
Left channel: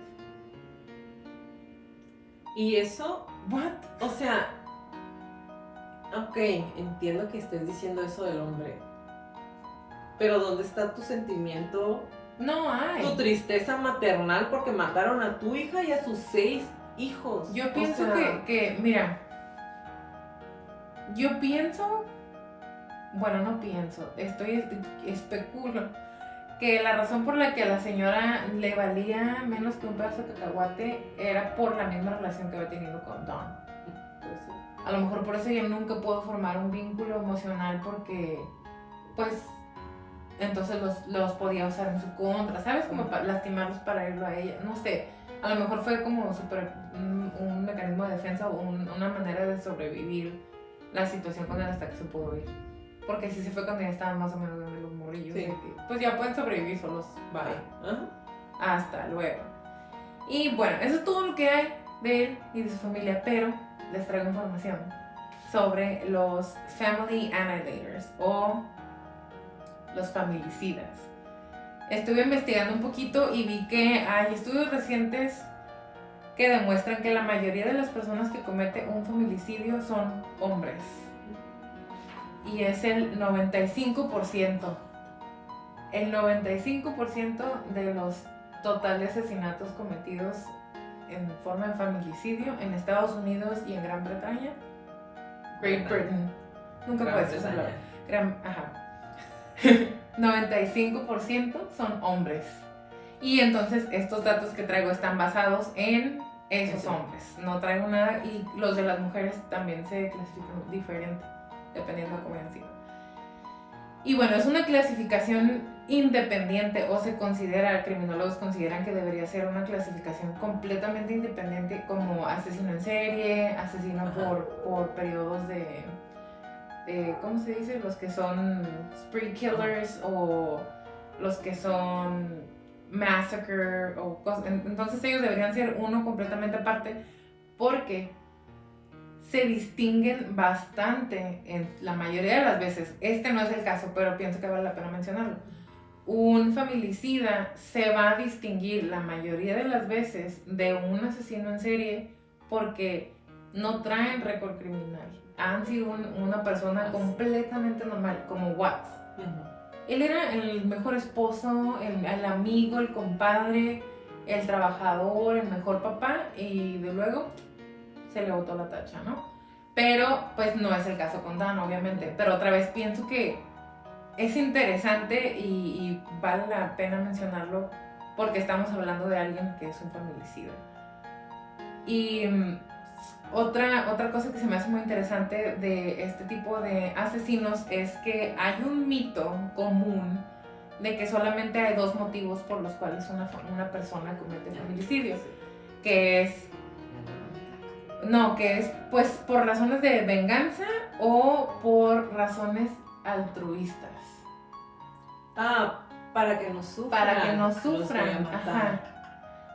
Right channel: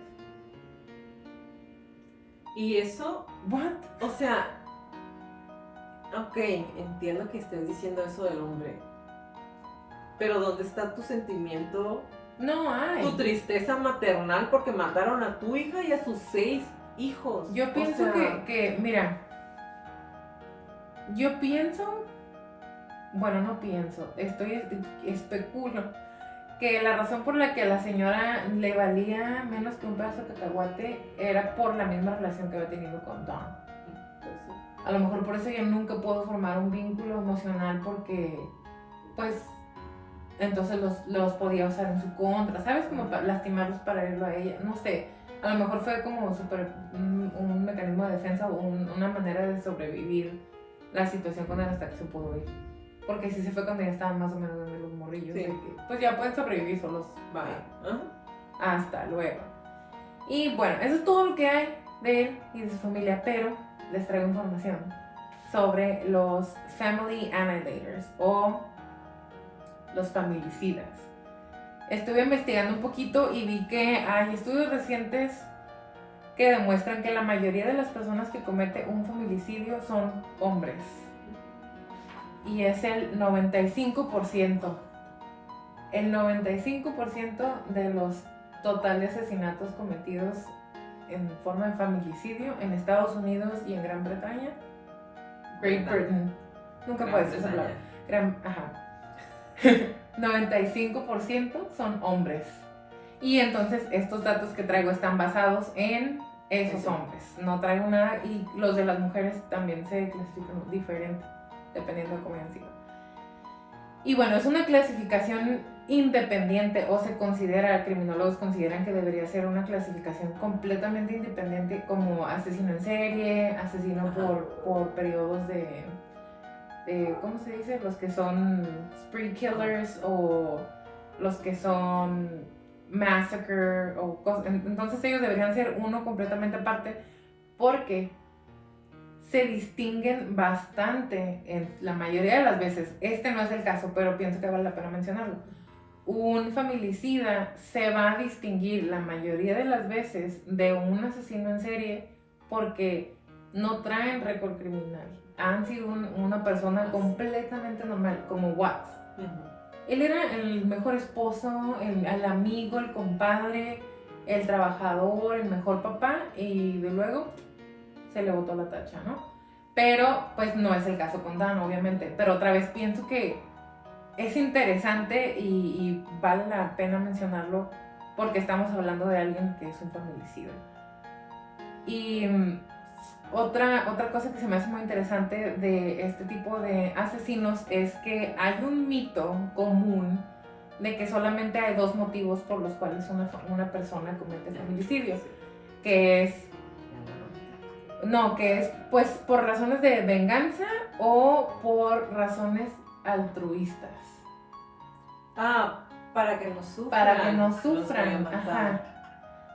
Y eso, ¿What? o sea, ok, entiendo que estés diciendo eso del hombre, pero ¿dónde está tu sentimiento, No hay. tu tristeza maternal porque mataron a tu hija y a sus 6 hijos? Yo O pienso sea, que, mira, Yo pienso, bueno, no pienso, especulo que la razón por la que a la señora le valía menos que un pedazo de cacahuate era por la misma relación que había tenido con Don. Pues sí. A lo mejor por eso ella nunca pudo formar un vínculo emocional porque, pues, entonces los podía usar en su contra, ¿sabes? Como para lastimarlos para irlo a ella, no sé. A lo mejor fue como un mecanismo de defensa o una manera de sobrevivir la situación con él hasta que se pudo ir. Porque sí se fue cuando ya estaban más o menos en los morrillos. Sí. De que, pues ya pueden sobrevivir solos. Bye. Ajá. Hasta luego. Y bueno, eso es todo lo que hay de él y de su familia, pero les traigo información sobre los Family Annihilators o los familicidas. Estuve investigando un poquito y vi que hay estudios recientes que demuestran que la mayoría de las personas que cometen un familicidio son hombres. Y es el 95%. El 95% de los totales asesinatos cometidos en forma de familicidio en Estados Unidos y en Gran Bretaña. Great Britain. Nunca Gran puedes decir esa Bretaña. palabra. 95% son hombres. Y entonces estos datos que traigo están basados en esos hombres. No traigo nada y los de las mujeres también se clasifican diferente, dependiendo de cómo hayan sido. Y bueno, es una clasificación independiente o se considera, criminólogos consideran que debería ser una clasificación completamente independiente como asesino en serie, asesino por periodos de ¿cómo se dice? Los que son spree killers o los que son massacre o cosas. Entonces ellos deberían ser uno completamente aparte porque se distinguen bastante en la mayoría de las veces. Este no es el caso, pero pienso que vale la pena mencionarlo. Un familicida se va a distinguir la mayoría de las veces de un asesino en serie porque no traen récord criminal. Han sido una persona completamente normal, como Watts. Él era el mejor esposo, el amigo, el compadre, el trabajador, el mejor papá, y de luego se le botó la tacha, ¿no? Pero pues no es el caso con Dan, obviamente. Pero otra vez pienso que es interesante y vale la pena mencionarlo porque estamos hablando de alguien que es un familicida. Y otra cosa que se me hace muy interesante de este tipo de asesinos es que hay un mito común de que solamente hay dos motivos por los cuales una persona comete familicidio, que es pues por razones de venganza o por razones altruistas. Para que no sufran. Para que no sufran, ajá.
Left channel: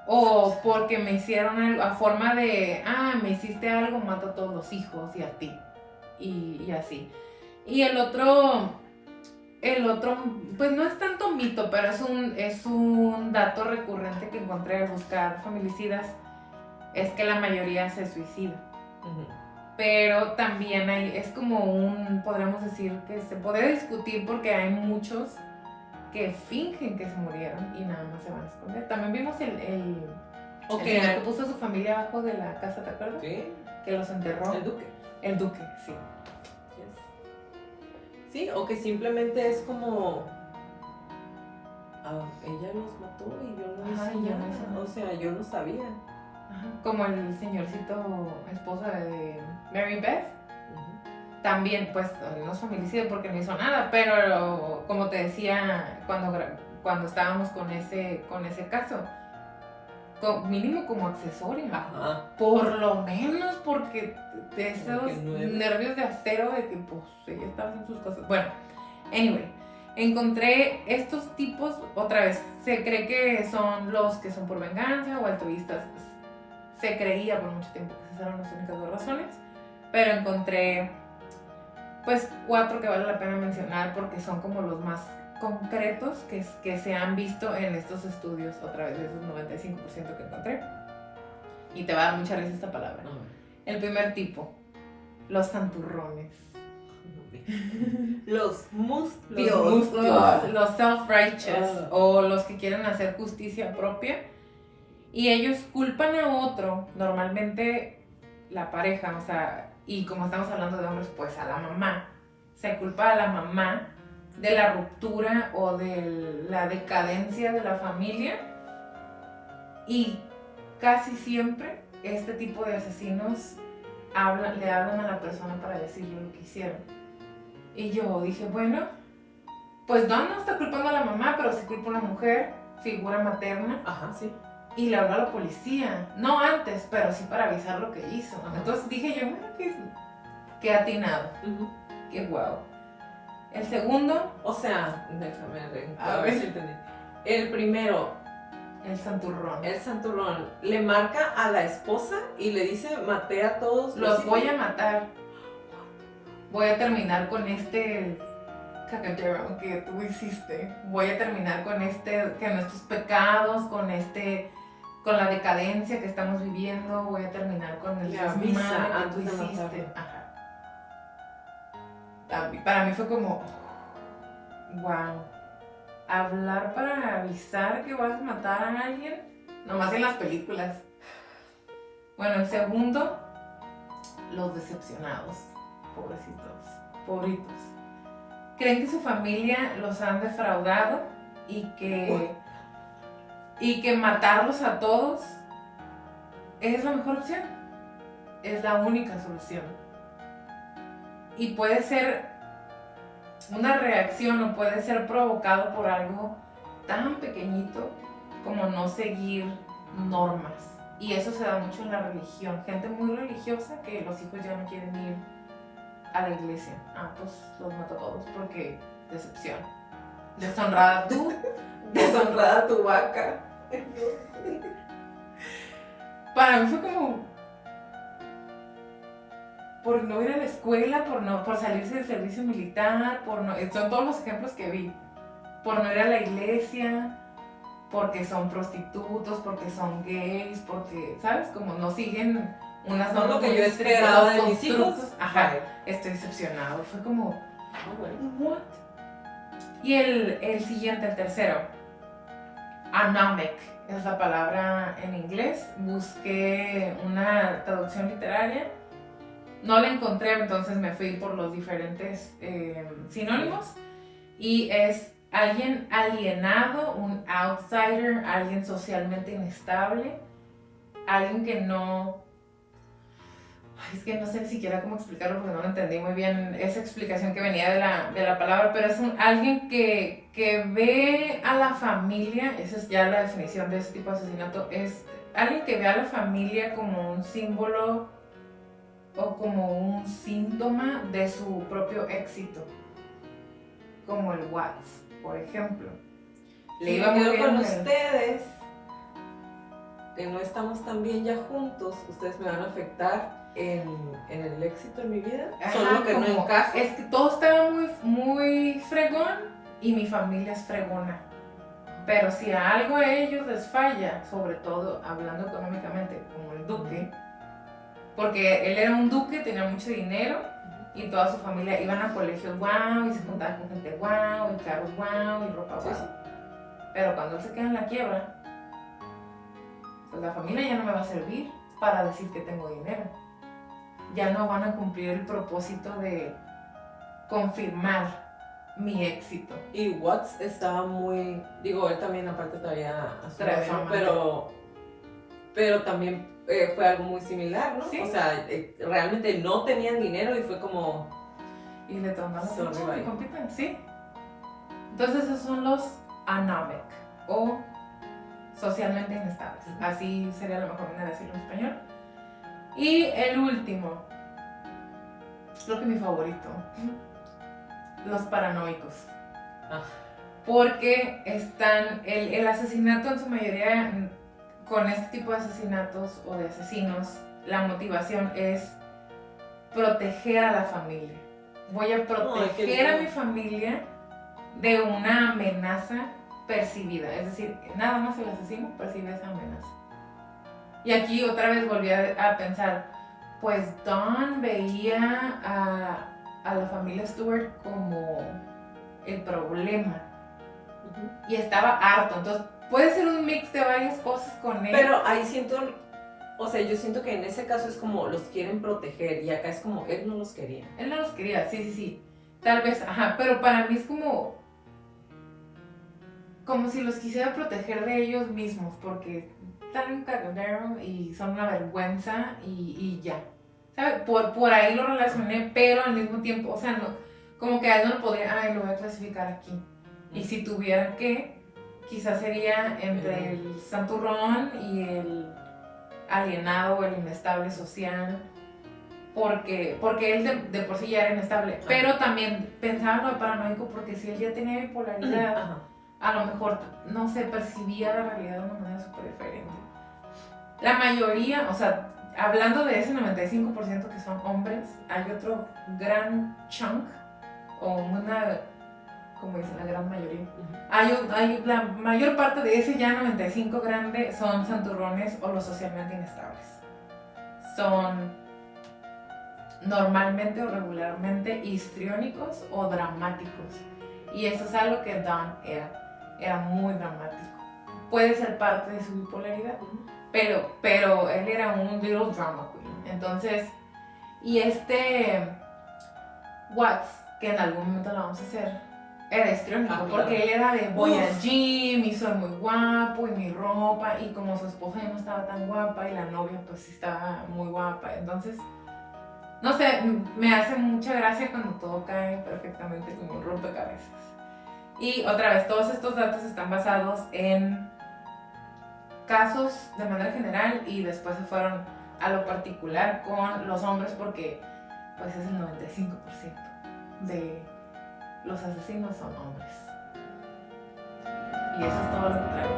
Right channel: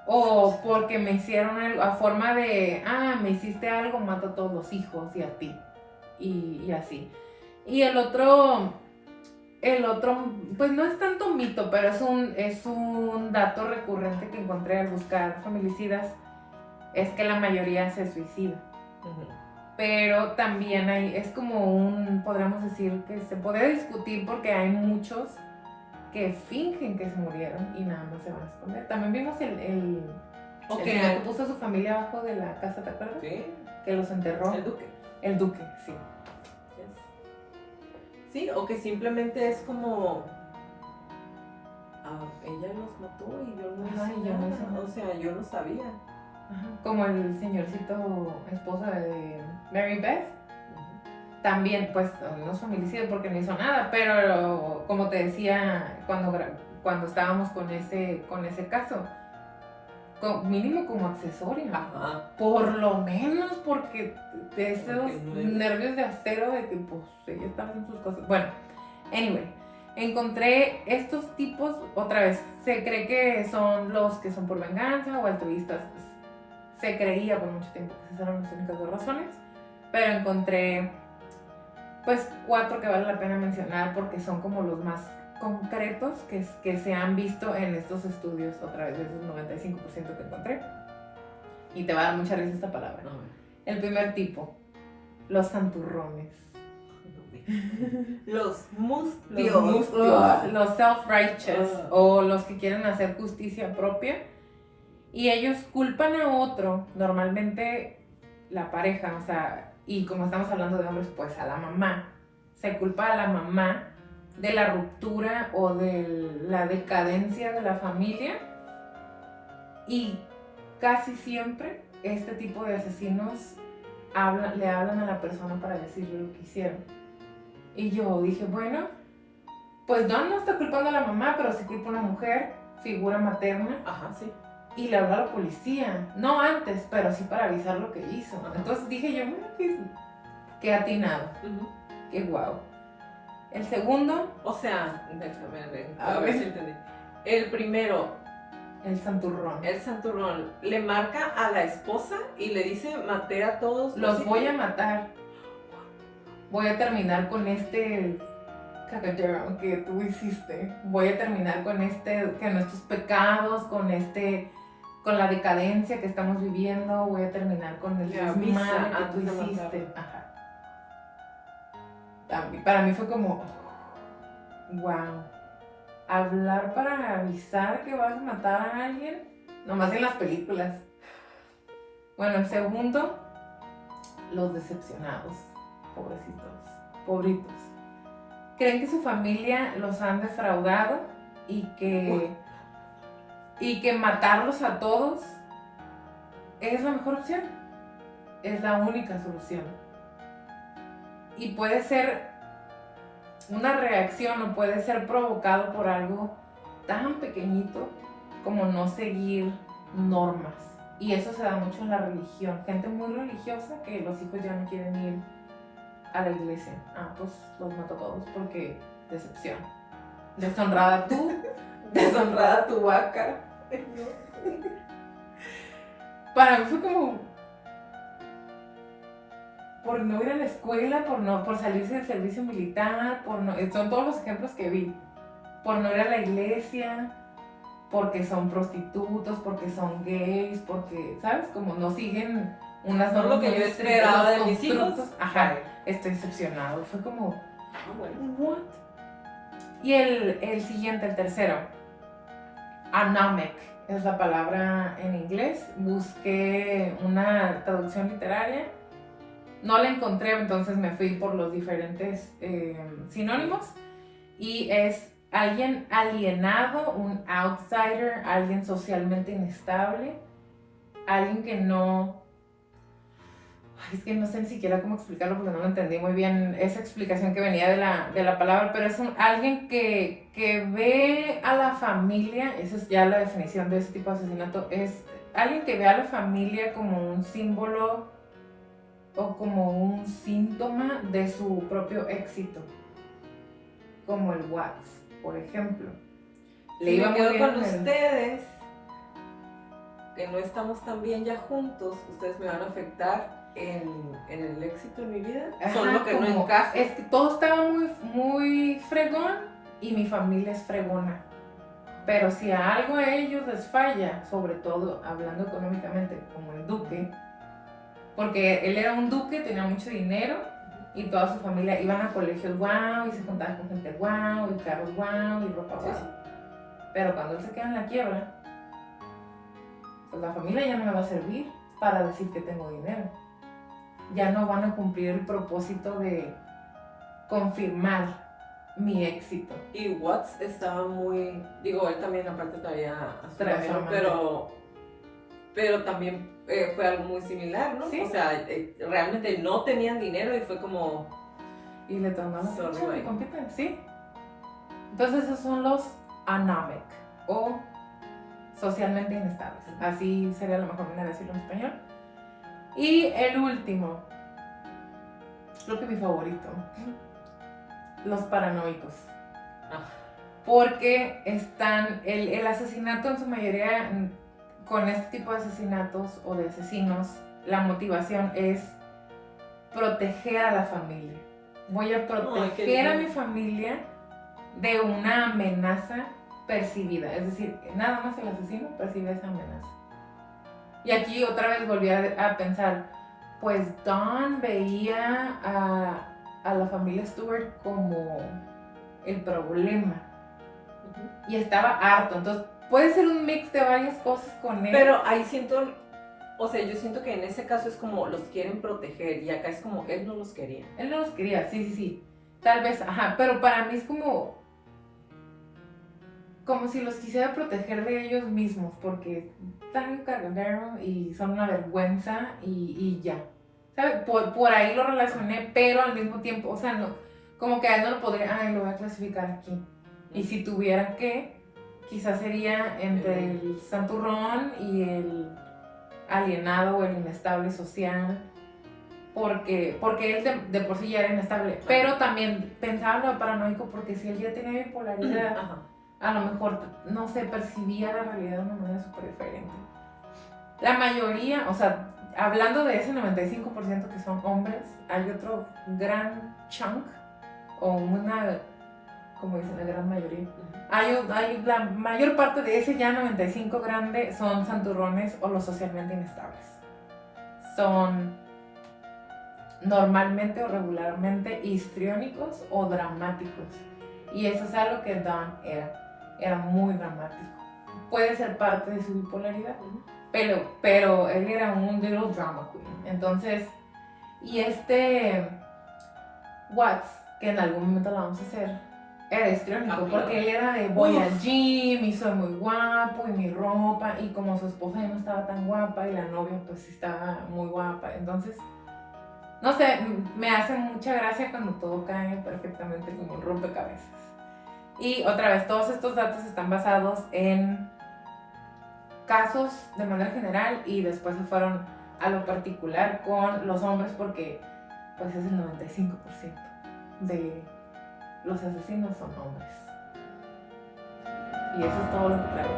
O porque me hicieron algo, a forma de, me hiciste algo, mato a todos los hijos y a ti. Y así. Y el otro, pues no es tanto mito, pero es un dato recurrente que encontré al buscar familicidas, es que la mayoría se suicida. Pero también es como podríamos decir que se puede discutir porque hay muchos que fingen que se murieron y nada más se van a esconder. También vimos el señor que puso a su familia abajo de la casa, ¿te acuerdas? Sí. Que los enterró. El duque. El duque, sí. Sí, o que simplemente es como ella los mató y yo no Ajá, hice y yo no nada. hice nada. O sea, yo no sabía. Ajá. Como el señorcito esposa de Mary Beth. También, pues, no es familicida porque no hizo nada, pero como te decía cuando estábamos con ese caso, mínimo como accesorio. Ajá. Por lo menos porque de esos Porque nervios de acero de que, pues, ella estaba haciendo sus cosas. Bueno, anyway, encontré estos tipos, otra vez, se cree que son los que son por venganza o altruistas. Se creía por mucho tiempo que esas eran las únicas dos razones, pero encontré pues 4 que vale la pena mencionar porque son como los más concretos que se han visto en estos estudios, otra vez de esos 95% que encontré. Y te va a dar mucha risa esta palabra. El primer tipo, los santurrones. Los mustios. Los self-righteous o los que quieren hacer justicia propia. Y ellos culpan a otro, normalmente la pareja, o sea, y como estamos hablando de hombres, pues a la mamá. Se culpa a la mamá de la ruptura o de la decadencia de la familia, y casi siempre este tipo de asesinos le hablan a la persona para decirle lo que hicieron. Y yo dije, bueno, pues Don no está culpando a la mamá, pero sí culpa a una mujer, figura materna, Ajá, sí. y le habló a la policía. No antes, pero sí para avisar lo que hizo. Ajá. Entonces dije yo, qué atinado, Ujú. qué guau. El segundo, O sea, déjame ver, A a ver ver. si entendí. El primero, el santurrón. el santurrón, le marca a la esposa y le dice, maté a todos. Los voy a matar. Voy a terminar con este cagadero que tú hiciste. Voy a terminar con con estos pecados, con la decadencia que estamos viviendo. Voy a terminar con el Le avisa desmadre que tú antes de hiciste. matarlo. Ajá. Para mí fue como, wow. Hablar para avisar que vas a matar a alguien, nomás en las películas. Bueno, el segundo, los decepcionados, pobritos. Creen que su familia los han defraudado y que matarlos a todos es la mejor opción, es la única solución. Y puede ser una reacción o puede ser provocado por algo tan pequeñito como no seguir normas. Y eso se da mucho en la religión. Gente muy religiosa que los hijos ya no quieren ir a la iglesia. Pues los mato a todos porque decepción. Deshonrada tú. Deshonrada tu vaca. Para mí fue como por no ir a la escuela, por salirse del servicio militar, son todos los ejemplos que vi. Por no ir a la iglesia, porque son prostitutos, porque son gays, porque, ¿sabes? Como no siguen unas No normas lo que muy yo estrictas, esperaba los de mis hijos. constructos. Ajá, estoy decepcionado. Fue como, Ah, bueno. ¿what? Y el siguiente, el tercero, anomic, es la palabra en inglés. Busqué una traducción literaria. No la encontré, entonces me fui por los diferentes sinónimos. Y es alguien alienado, un outsider, alguien socialmente inestable, alguien que no... Ay, es que no sé ni siquiera cómo explicarlo porque no lo entendí muy bien esa explicación que venía de la palabra, pero es alguien que ve a la familia, esa es ya la definición de ese tipo de asesinato, es alguien que ve a la familia como un símbolo o como un síntoma de su propio éxito, como el Watts, por ejemplo. Le Y iba me muy quedo bien con en el- ustedes, que no estamos tan bien ya juntos, ustedes me van a afectar en el éxito en mi vida, Ajá, solo que no como- encaja. Es que todo estaba muy, muy fregón y mi familia es fregona. Pero si a algo a ellos les falla, sobre todo hablando económicamente, como el duque, porque él era un duque, tenía mucho dinero y toda su familia iban a colegios guau y se juntaban con gente guau y carros guau y ropa guau. Sí, sí. Pero cuando él se queda en la quiebra, pues la familia ya no me va a servir para decir que tengo dinero. Ya no van a cumplir el propósito de confirmar mi éxito. Y Watts estaba muy, digo, él también aparte traía a su Traía novio, amante. pero también fue algo muy similar, ¿no? Sí. O sea, realmente no tenían dinero y fue como, Y le tornaron Sorry, mucho que bye. compitan, sí. Entonces esos son los anomic o socialmente inestables. Así sería la mejor manera de decirlo en español. Y el último, creo que mi favorito, los paranoicos. Ah. Porque están, el asesinato en su mayoría, con este tipo de asesinatos o de asesinos, la motivación es proteger a la familia. Voy a Ay, qué proteger a lindo. mi familia de una amenaza percibida. Es decir, nada más el asesino percibe esa amenaza. Y aquí otra vez volví a pensar, pues Don veía a la familia Stewart como el problema. Y estaba harto. Entonces puede ser un mix de varias cosas con él. Pero ahí siento O sea, yo siento que en ese caso es como los quieren proteger y acá es como él no los quería. Él no los quería, sí. Tal vez, ajá, pero para mí es como si los quisiera proteger de ellos mismos, porque están en un cagadero y son una vergüenza y ya. ¿Sabes? Por ahí lo relacioné, pero al mismo tiempo, o sea, no, como que a él no lo podría, lo voy a clasificar aquí. Y si tuviera que, quizás sería entre el santurrón y el alienado o el inestable social, porque él de por sí ya era inestable, pero también pensaba en lo paranoico, porque si él ya tenía bipolaridad, Ajá. a lo mejor, no sé, percibía la realidad de una manera súper diferente. La mayoría, o sea, hablando de ese 95% que son hombres, hay otro gran chunk, o una, como dicen, la gran mayoría. Hay la mayor parte de ese ya 95 grande son santurrones o los socialmente inestables. Son normalmente o regularmente histriónicos o dramáticos. Y eso es algo que Don era muy dramático. Puede ser parte de su bipolaridad, pero él era un little drama queen. Entonces, y Watts, que en algún momento lo vamos a hacer, era histriónico, porque él era de voy al gym y soy muy guapo y mi ropa, y como su esposa ya no estaba tan guapa y la novia pues sí estaba muy guapa, entonces no sé, me hace mucha gracia cuando todo cae perfectamente como un rompecabezas. Y otra vez, todos estos datos están basados en casos de manera general y después se fueron a lo particular con los hombres, porque pues es el 95% de los asesinos son hombres. Y eso es todo lo que traigo.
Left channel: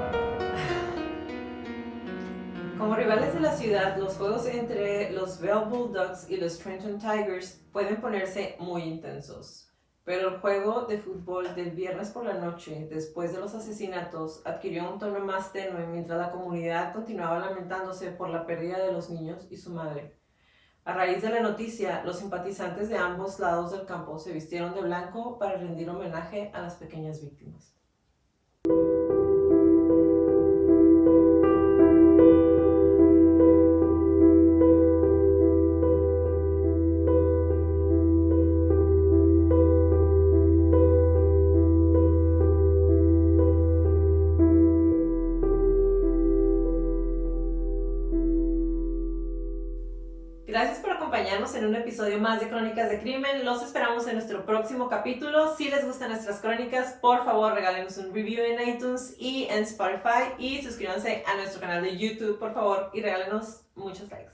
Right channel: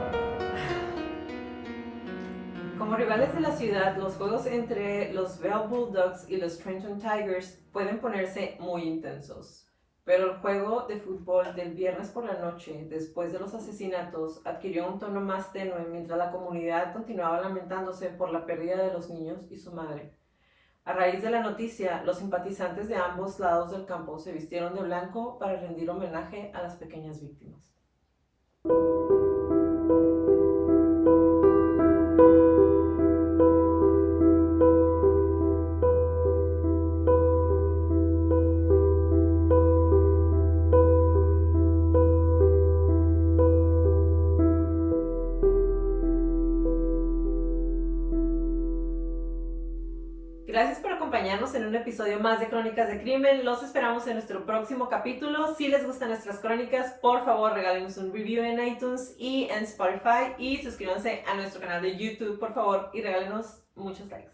Como rivales de la ciudad, los juegos entre los Bell Bulldogs y los Trenton Tigers pueden ponerse muy intensos. Pero el juego de fútbol del viernes por la noche, después de los asesinatos, adquirió un tono más tenue mientras la comunidad continuaba lamentándose por la pérdida de los niños y su madre. A raíz de la noticia, los simpatizantes de ambos lados del campo se vistieron de blanco para rendir homenaje a las pequeñas víctimas. Gracias por acompañarnos en un episodio más de Crónicas de Crimen. Los esperamos en nuestro próximo capítulo. Si les gustan nuestras crónicas, por favor regálenos un review en iTunes y en Spotify. Y suscríbanse a nuestro canal de YouTube, por favor, y regálenos muchos likes.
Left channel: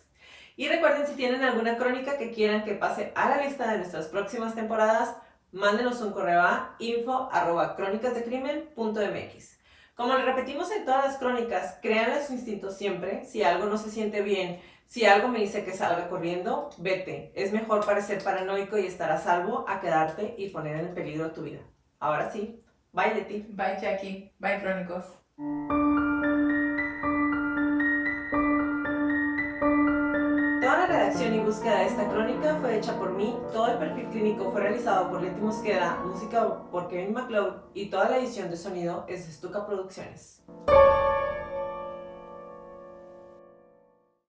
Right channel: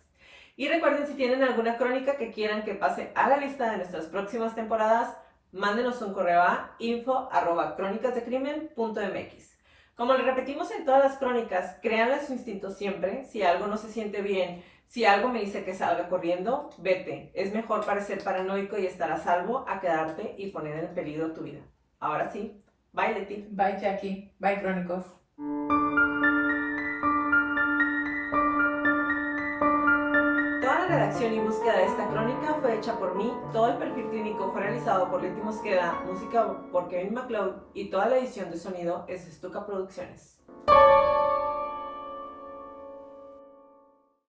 Y recuerden, si tienen alguna crónica que quieran que pase a la lista de nuestras próximas temporadas, mándenos un correo a info@cronicasdecrimen.mx. Como le repetimos en todas las crónicas, créanle su instinto siempre. Si algo no se siente bien, si algo me dice que salga corriendo, vete. Es mejor parecer paranoico y estar a salvo a quedarte y poner en peligro tu vida. Ahora sí, bye Leti. Bye Jackie, bye Crónicos. Toda la redacción y búsqueda de esta crónica fue hecha por mí, todo el perfil clínico fue realizado por Leti Mosqueda, música por Kevin MacLeod y toda la edición de sonido es de Stuka Producciones.